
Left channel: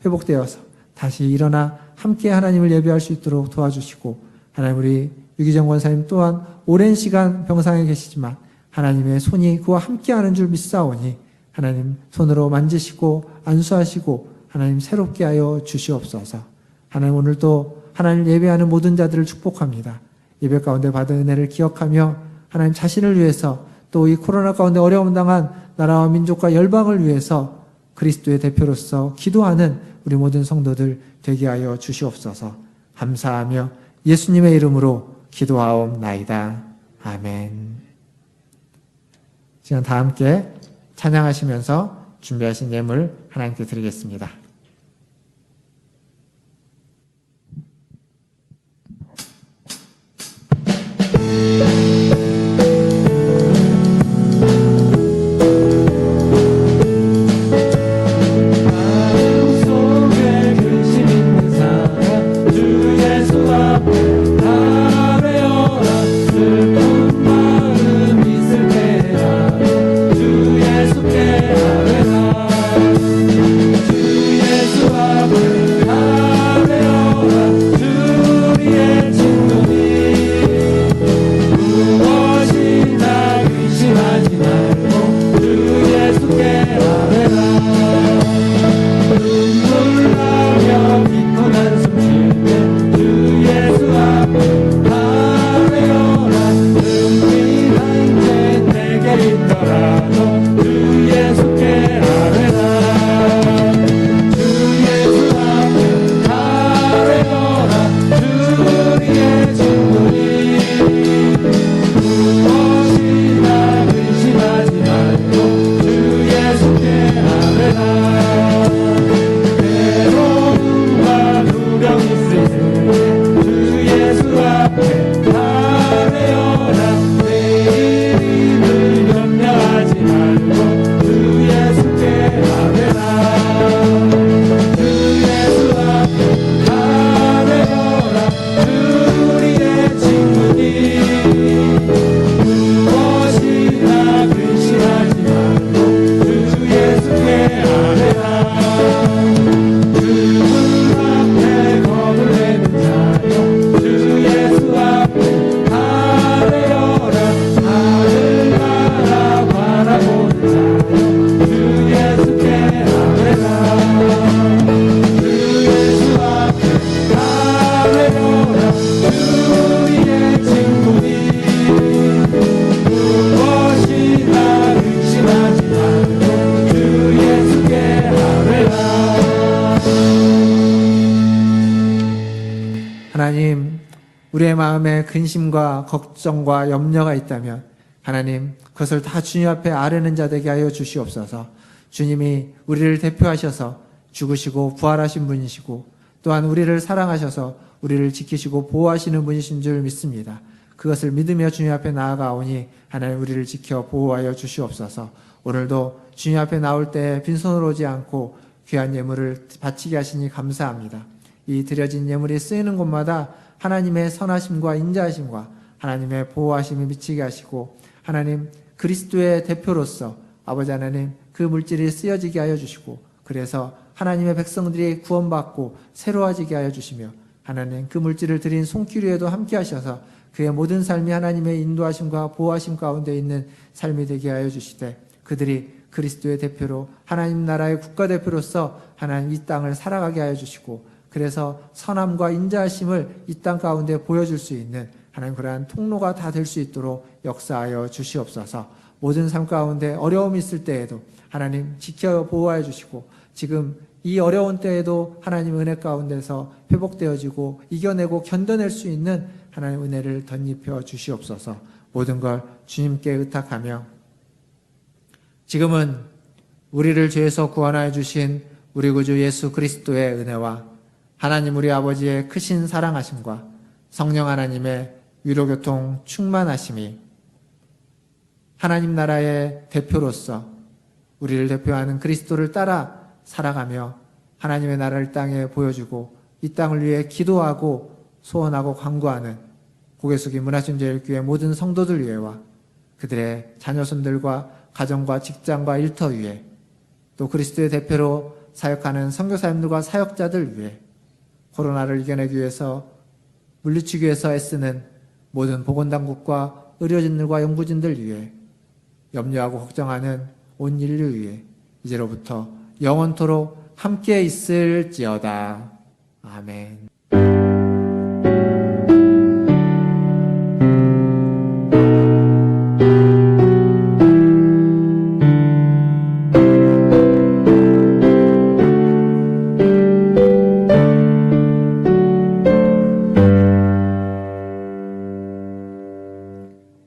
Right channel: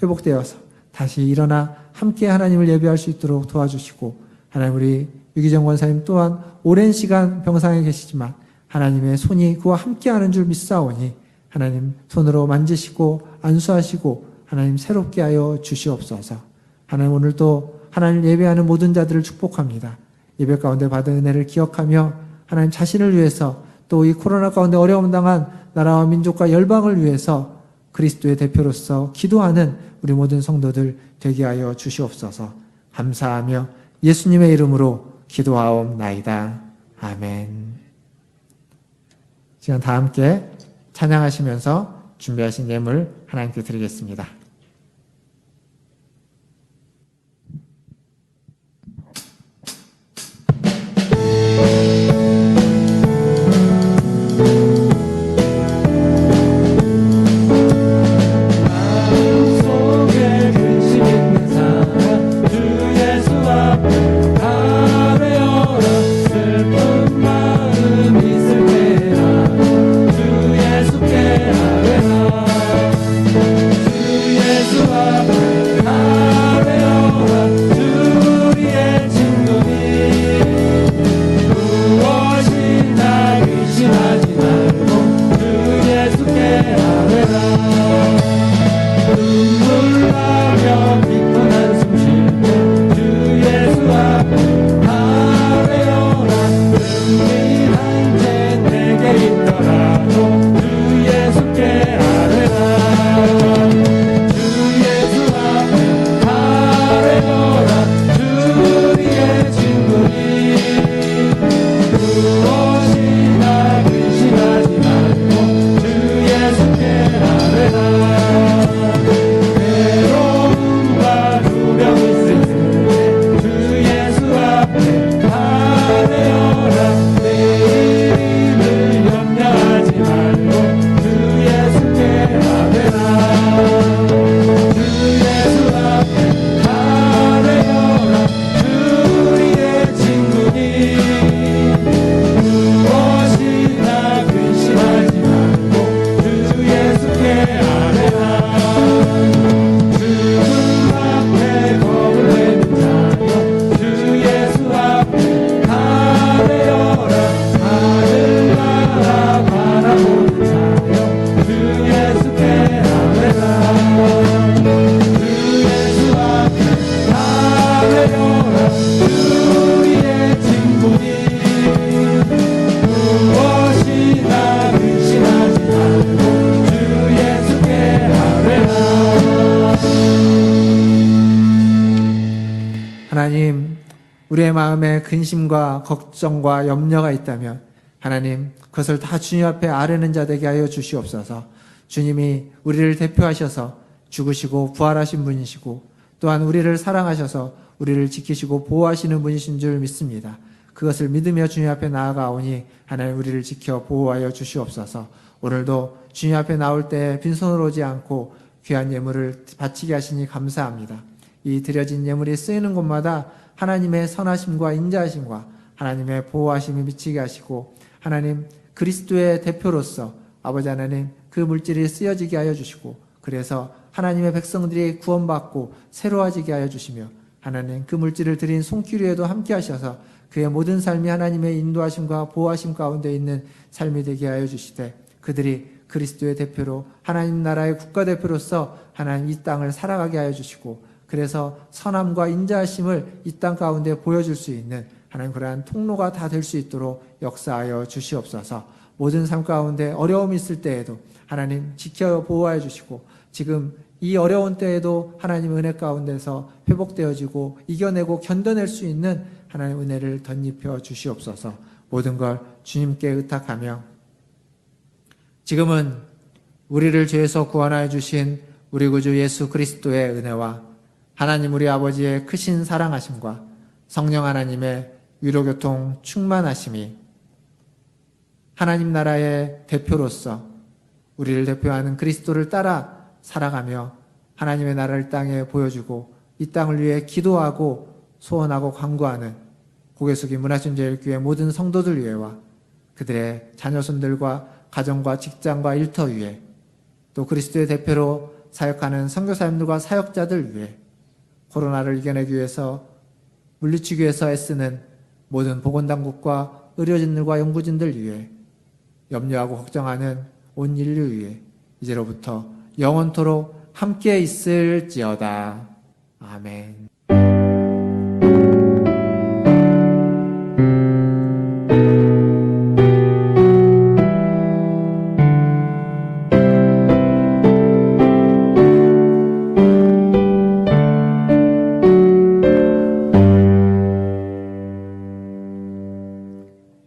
회복되어서 다시 일어나 함께 하나님을 예배할 수 있도록 도와주시고, 하나님 우리 유기정 권사님 또한 오랜 시간 병상에 계시지만 하나님의 손이 그와 함께하는 줄 믿사오니 하나님 손으로 만지시고 안수하시고 하나님 새롭게 하여 주시옵소서. 하나님 오늘도 하나님 예배하는 모든 자들을 축복합니다. 예배 가운데 받은 은혜를 기억하며 하나님 자신을 위해서, 또 이 코로나 가운데 어려움 당한 나라와 민족과 열방을 위해서 그리스도의 대표로서 기도하는 우리 모든 성도들 되게 하여 주시옵소서. 감사하며 예수님의 이름으로 기도하옵나이다. 아멘. 지금 다 함께 찬양하시면서 준비하신 예물 하나님께 드리겠습니다. 주 마음에 근심과 걱정과 염려가 있다면 하나님 그것을 다 주님 앞에 아뢰는 자 되게 하여 주시옵소서. 주님이 우리를 대표하셔서 죽으시고 부활하신 분이시고 또한 우리를 사랑하셔서 우리를 지키시고 보호하시는 분이신 줄 믿습니다. 그것을 믿으며 주님 앞에 나아가오니 하나님 우리를 지켜 보호하여 주시옵소서. 오늘도 주님 앞에 나올 때 빈손으로 오지 않고 귀한 예물을 바치게 하시니 감사합니다. 이 드려진 예물이 쓰이는 곳마다 하나님의 선하심과 인자하심과 하나님의 보호하심을 미치게 하시고 하나님 그리스도의 대표로서 아버지 하나님 그 물질이 쓰여지게 하여 주시고 그래서 하나님의 백성들이 구원받고 새로워지게 하여 주시며 하나님 그 물질을 드린 손길에도 함께 하셔서 그의 모든 삶이 하나님의 인도하심과 보호하심 가운데 있는 삶이 되게 하여 주시되 그들이 그리스도의 대표로 하나님 나라의 국가대표로서 하나님 이 땅을 살아가게 하여 주시고 그래서 선함과 인자하심을 이 땅 가운데 보여줄 수 있는 하나님 그러한 통로가 다 될 수 있도록 역사하여 주시옵소서. 모든 삶 가운데 어려움이 있을 때에도 하나님 지켜 보호해 주시고 지금 이 어려운 때에도 하나님 은혜 가운데서 회복되어지고 이겨내고 견뎌낼 수 있는 하나님 은혜를 덧입혀 주시옵소서. 모든 걸 주님께 의탁하며 지금은 우리를 죄에서 구원하여 주신 우리 구주 예수 그리스도의 은혜와 하나님 우리 아버지의 크신 사랑하심과 성령 하나님의 위로교통 충만하심이 하나님 나라의 대표로서 우리를 대표하는 그리스도를 따라 살아가며 하나님의 나라를 땅에 보여주고 이 땅을 위해 기도하고 소원하고 간구하는 고개 숙인 문화순제일교회 모든 성도들 위해와 그들의 자녀손들과 가정과 직장과 일터 위에 또 그리스도의 대표로 사역하는 선교사님들과 사역자들 위해 코로나를 이겨내기 위해서 물리치기 위해서 애쓰는 모든 보건당국과 의료진들과 연구진들 위해 염려하고 걱정하는 온 인류 위해 이제로부터 영원토록 함께 있을지어다. 아멘.